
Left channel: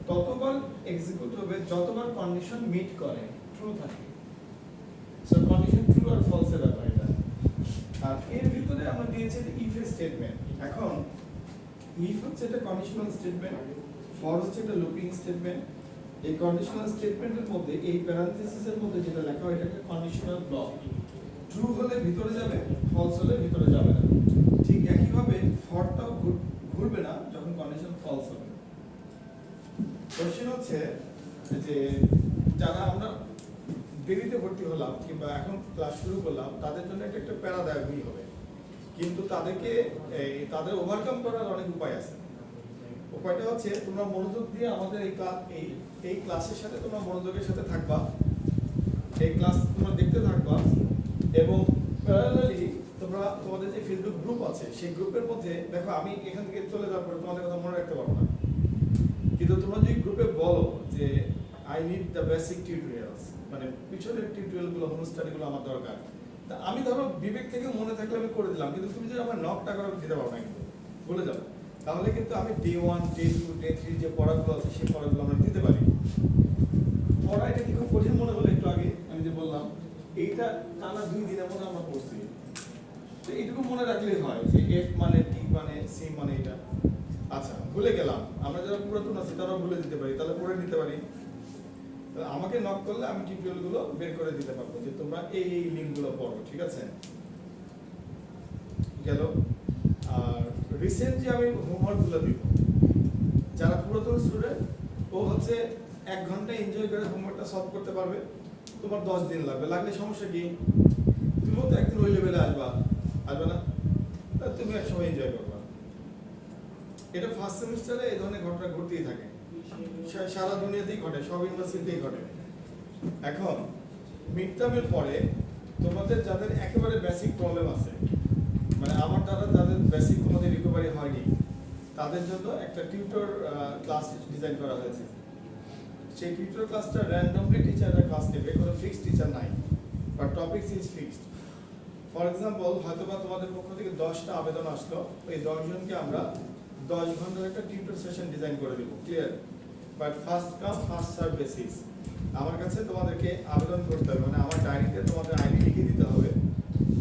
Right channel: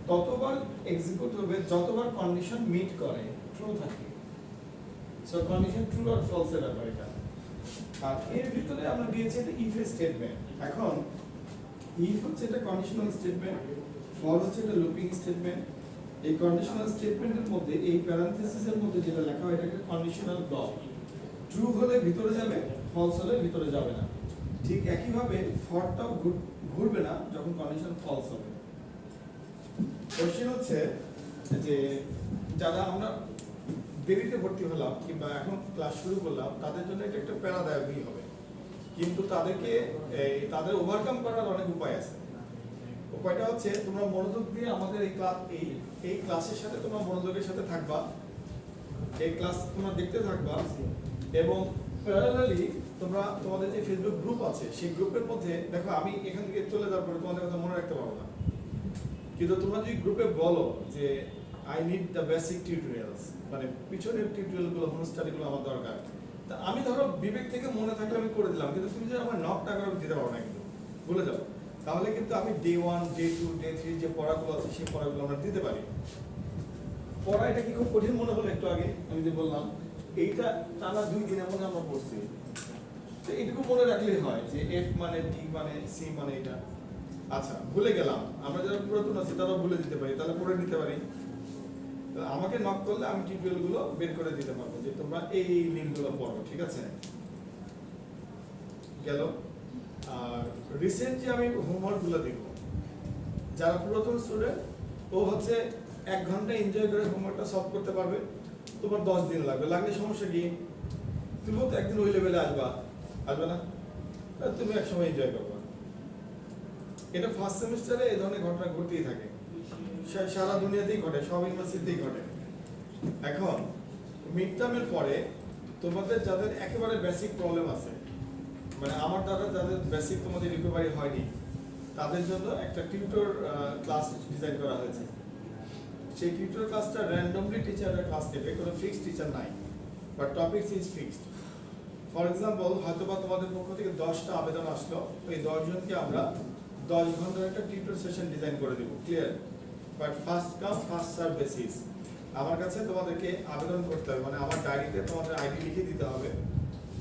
ততবার এক্সিকিউট হবে যতবার কন্ডিশন মিট করে, ট্রু থাকে। সো কন্ডিশন ট্রু আর ফলস এর ব্যাপার এটা। আর এর ভিতরে আমরা দিয়েছি ইফ স্টেটমেন্ট। এখন ইফ হচ্ছে এটা কন্ডিশনাল স্টেটমেন্ট, ফর হচ্ছে এটা লুপিং স্টেটমেন্ট। এই কন্ডিশনাল স্টেটমেন্টের মধ্যে এই প্যারেনথেসিসের মধ্যে যেটা লেখা হয় এটা একটা কন্ডিশনাল ব্লক। ট্রু হলে ভিতরে যাবে, ফলস হলে ভিতরে যাবে না। ঠিক একইভাবে ফরটাও ঘুরবে না যখন কন্ডিশন ফলস হবে। কোশ্চেন হচ্ছে যে যারা আমরা দেরিতে ভর্তি হলাম কিংবা এখন ক্লাস শুরু করলাম, তাদের জন্য এটা একটা প্যারাদায়কই হবে, কিন্তু তাদেরকে তাদের ওভারকাম করার অনেক উপায় আছে। উপায়টা হচ্ছে তোমরা মনোযোগ দিয়ে আমাদের এই ক্লাসের সাথে তোমরা মনোযোগের সাথে থাকবা, এই ক্লাস তোমরা দেখতে থাকবা, এবং প্যারালালি তোমরা তোমাদের যে ফেসবুক গ্রুপ আছে সেই গ্রুপের মধ্যে দেখো, আমি এখান থেকে চলে যাওয়ার পরে তোমাদের কথা মনে রাখতে পারবো না, কিন্তু তোমরা যদি গ্রুপে বলো যে I need the basic tutorials, মানে পিছনের টিউটোরিয়ালগুলো, হোম স্টাডিগুলো আমার দরকার, তা আমি ধরো বিবেক থেকে মনে থাকলে আমি করে দিলাম, কিন্তু তুমি যদি আমার নক টাকা দিতে পারো না, কিন্তু ভুলে যাবো, তাহলে কিন্তু আমি ডে 1, ডে 2, ডে 3 যে পড়াগুলো আছে সেই পড়াগুলো আমরা দিতে পারি। পড়া এটা কি খুব কঠিন মনে হলো একটু আগে আমি যে বললাম, এইটা টানা 2 দিনের মধ্যে আমরা পড়ছি। তো এইটুকু মনে রাখলেই হয় যে এফ মানে ডি মানে সি মানে এটা। আচ্ছা, ভুলে গেলাম, আমরা যারা পুরাতন আছি তারাও ভুলে দিতে পারি, তাহলে পড়ে নিতে পারি। আমাকে নক করলে আমি টিউটোরিয়ালগুলো বের করে দিতে পারবো যে তোমরা এই লিঙ্কগুলো পড়ো, ঠিক আছে? গেল। আর রিসেন্ট যে আমি হোমওয়ার্কগুলো দিব, যারা পুরাতন স্টুডেন্ট ও হচ্ছে 1 ঘন্টা এনজয় করে হোমওয়ার্কটা সলভ করতে পারবে, তোমার 10 দিন লাগবে, লাগলে সমস্যা কি? তুমি তো একদিন ওই লেভেলে আসবে না? তুমি এক সময় এনজয় করবে। এটা ফার্স্ট সেমিস্টারে এই ধরনের ঘটনা ঘটতেই থাকে, সারা দুনিয়াতেই ঘটে, সব ইউনিভার্সিটিতেই ঘটে। এখন মিড টার্মের পরে তোমাদের যাদের একেবারে বেসিক প্রবলেম আছে, মানে আমার দ্বারা যাদের বেসিক তোমাদের রিকভারি হয়নি, তাদের জন্য একটা টিউটর ক্লাস ডিজাইন করা হয়েছে। সেই টিউটর ক্লাসটা র্যান্ডমলি টিচাররা ক্লাস নেবে, কোনো ফিক্সড টিচার নাই, but topics is fixed. For example, হয়তোবা তোমাদের পক্ষ থেকে 10টা আবেদন আসলো, এই 10 জনকে আমরা 10 ঘন্টার একটা টিউটর সেশন ডিজাইন করে দেবো, clear? But first come first serve basis. আমার কাছে তোমাদেরকে আবেদন করতে হবে, মানে আমার ডায়েরিতে তোমাদের আইডি লিখে দিতে হবে।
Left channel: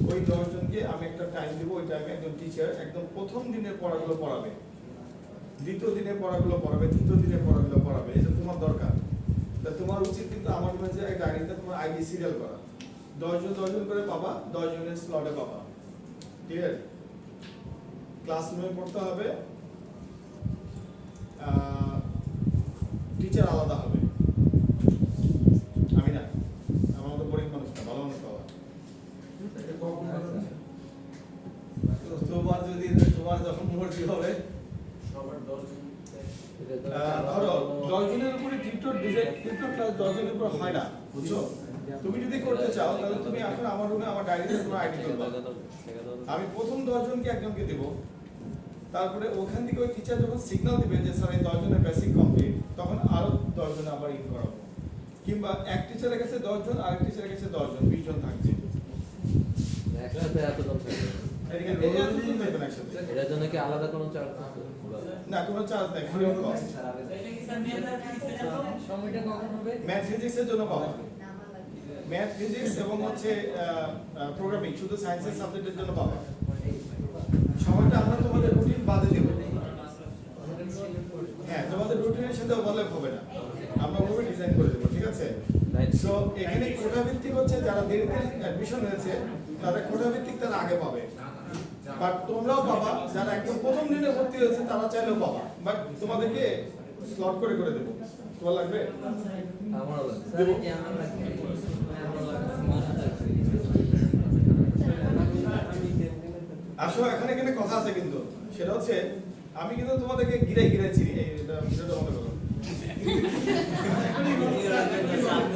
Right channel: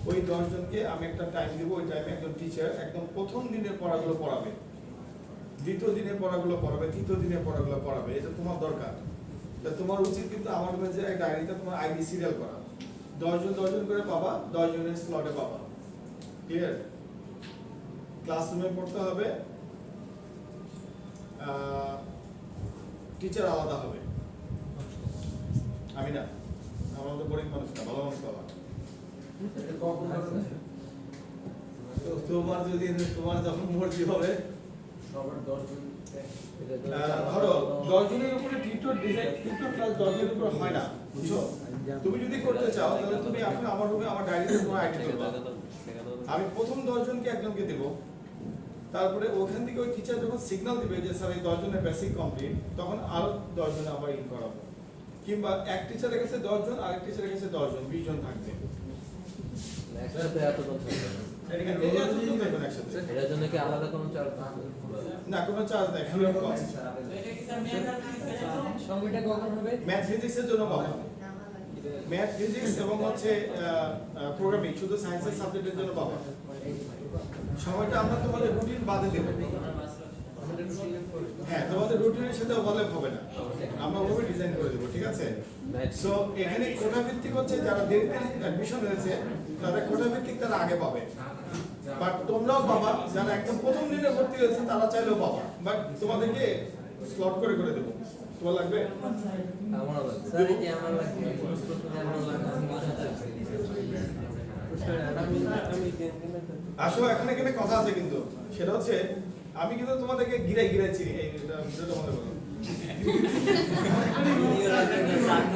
ওই 10 জনকে আমি একটা টাইম দেবো, ওই টাইমে একজন টিচার একদম প্রথম দিনের পড়াগুলো পড়াবে, দ্বিতীয় দিনের পড়াগুলো পড়াবে, তৃতীয় দিনের পড়াগুলো পড়াবে। এটা তোমার দরকার। তোমার উচিত কিন্তু আমার মধ্যে ডায়েরিতে তোমার আইডি সিরিয়াল করা, 10 জন করে পাবা, 10 জনের স্লটে পাবা। ক্লিয়ার? ক্লাসরুমে পড়তে হবে, টিচার আলাদা হবে। আমি না, আমার তো বোরিং মানুষ না, ভালো মানুষ পাবা। তো তোমার যখন মর্জি হবে, ধরো 10 জনের উপরে টিউটর ডিজাইন, টিউটর ক্লাস 10 জনের উপরে হয় না, বুঝছো? তুমি যদি করতে চাও তাহলে তুমি এখন আমার রুমে আমার ডায়েরিতে তোমার আইডি দিবা। আমি প্রথম 10 জনকে একজনকে দেব, তারপরে ওখান থেকে ওই টিচার যখন সিগন্যাল দিবে যে স্যার এই 10 জনের বেসিক কমপ্লিট, তখন আরো 10 জন আবার ইন করাবো। কিংবা এক টিচারের কাছে 10 জন, আরেক টিচারের কাছে 10 জন, 20 জন থাকবে। একসাথে এতজন থাকবে না। একসাথে এটার জন্য কি আলাদা কোনো চার্জ আছে? না, কোনো চার্জ নাই, ফ্রি অফ কস্ট। সময়টা কখন হবে? ম্যাথ ফিজিক্সের জন্য পাবা, ম্যাথ ফিজিক্স এবং হচ্ছে প্রোগ্রামিং, শুধু সায়েন্সের সাবজেক্টের জন্য পাবা। সময়টা আমরা তোমাদের রুটিন বাদে দেব। হ্যাঁ, তোমাদের রুটিনের সাথে ওভারল্যাপ হবে না, আমরা ওভাবে ডিজাইন করে দেবো, ঠিক আছে? সো এখানে কোটা ভিত্তিক হচ্ছে যারা দেরিতে অ্যাডমিশন হয়েছে তাদের কোটা ভিত্তিক তারা আগে পাবে, বাট তোমরাও পাবা যারা একদম প্রথম দিনে ভর্তি হয়েছে তারা চাইলেও পাবা, বাট তোমাদেরকে স্লট করে করে দেবো। তোমার লাগবে? আমারও লাগবে। আসো, এখানে কথা আছে কিন্তু, সেটা হচ্ছে আমি কিন্তু তোমাদেরকে গিরাই চিনি, এই ভিডিওটা বন্ধ করো।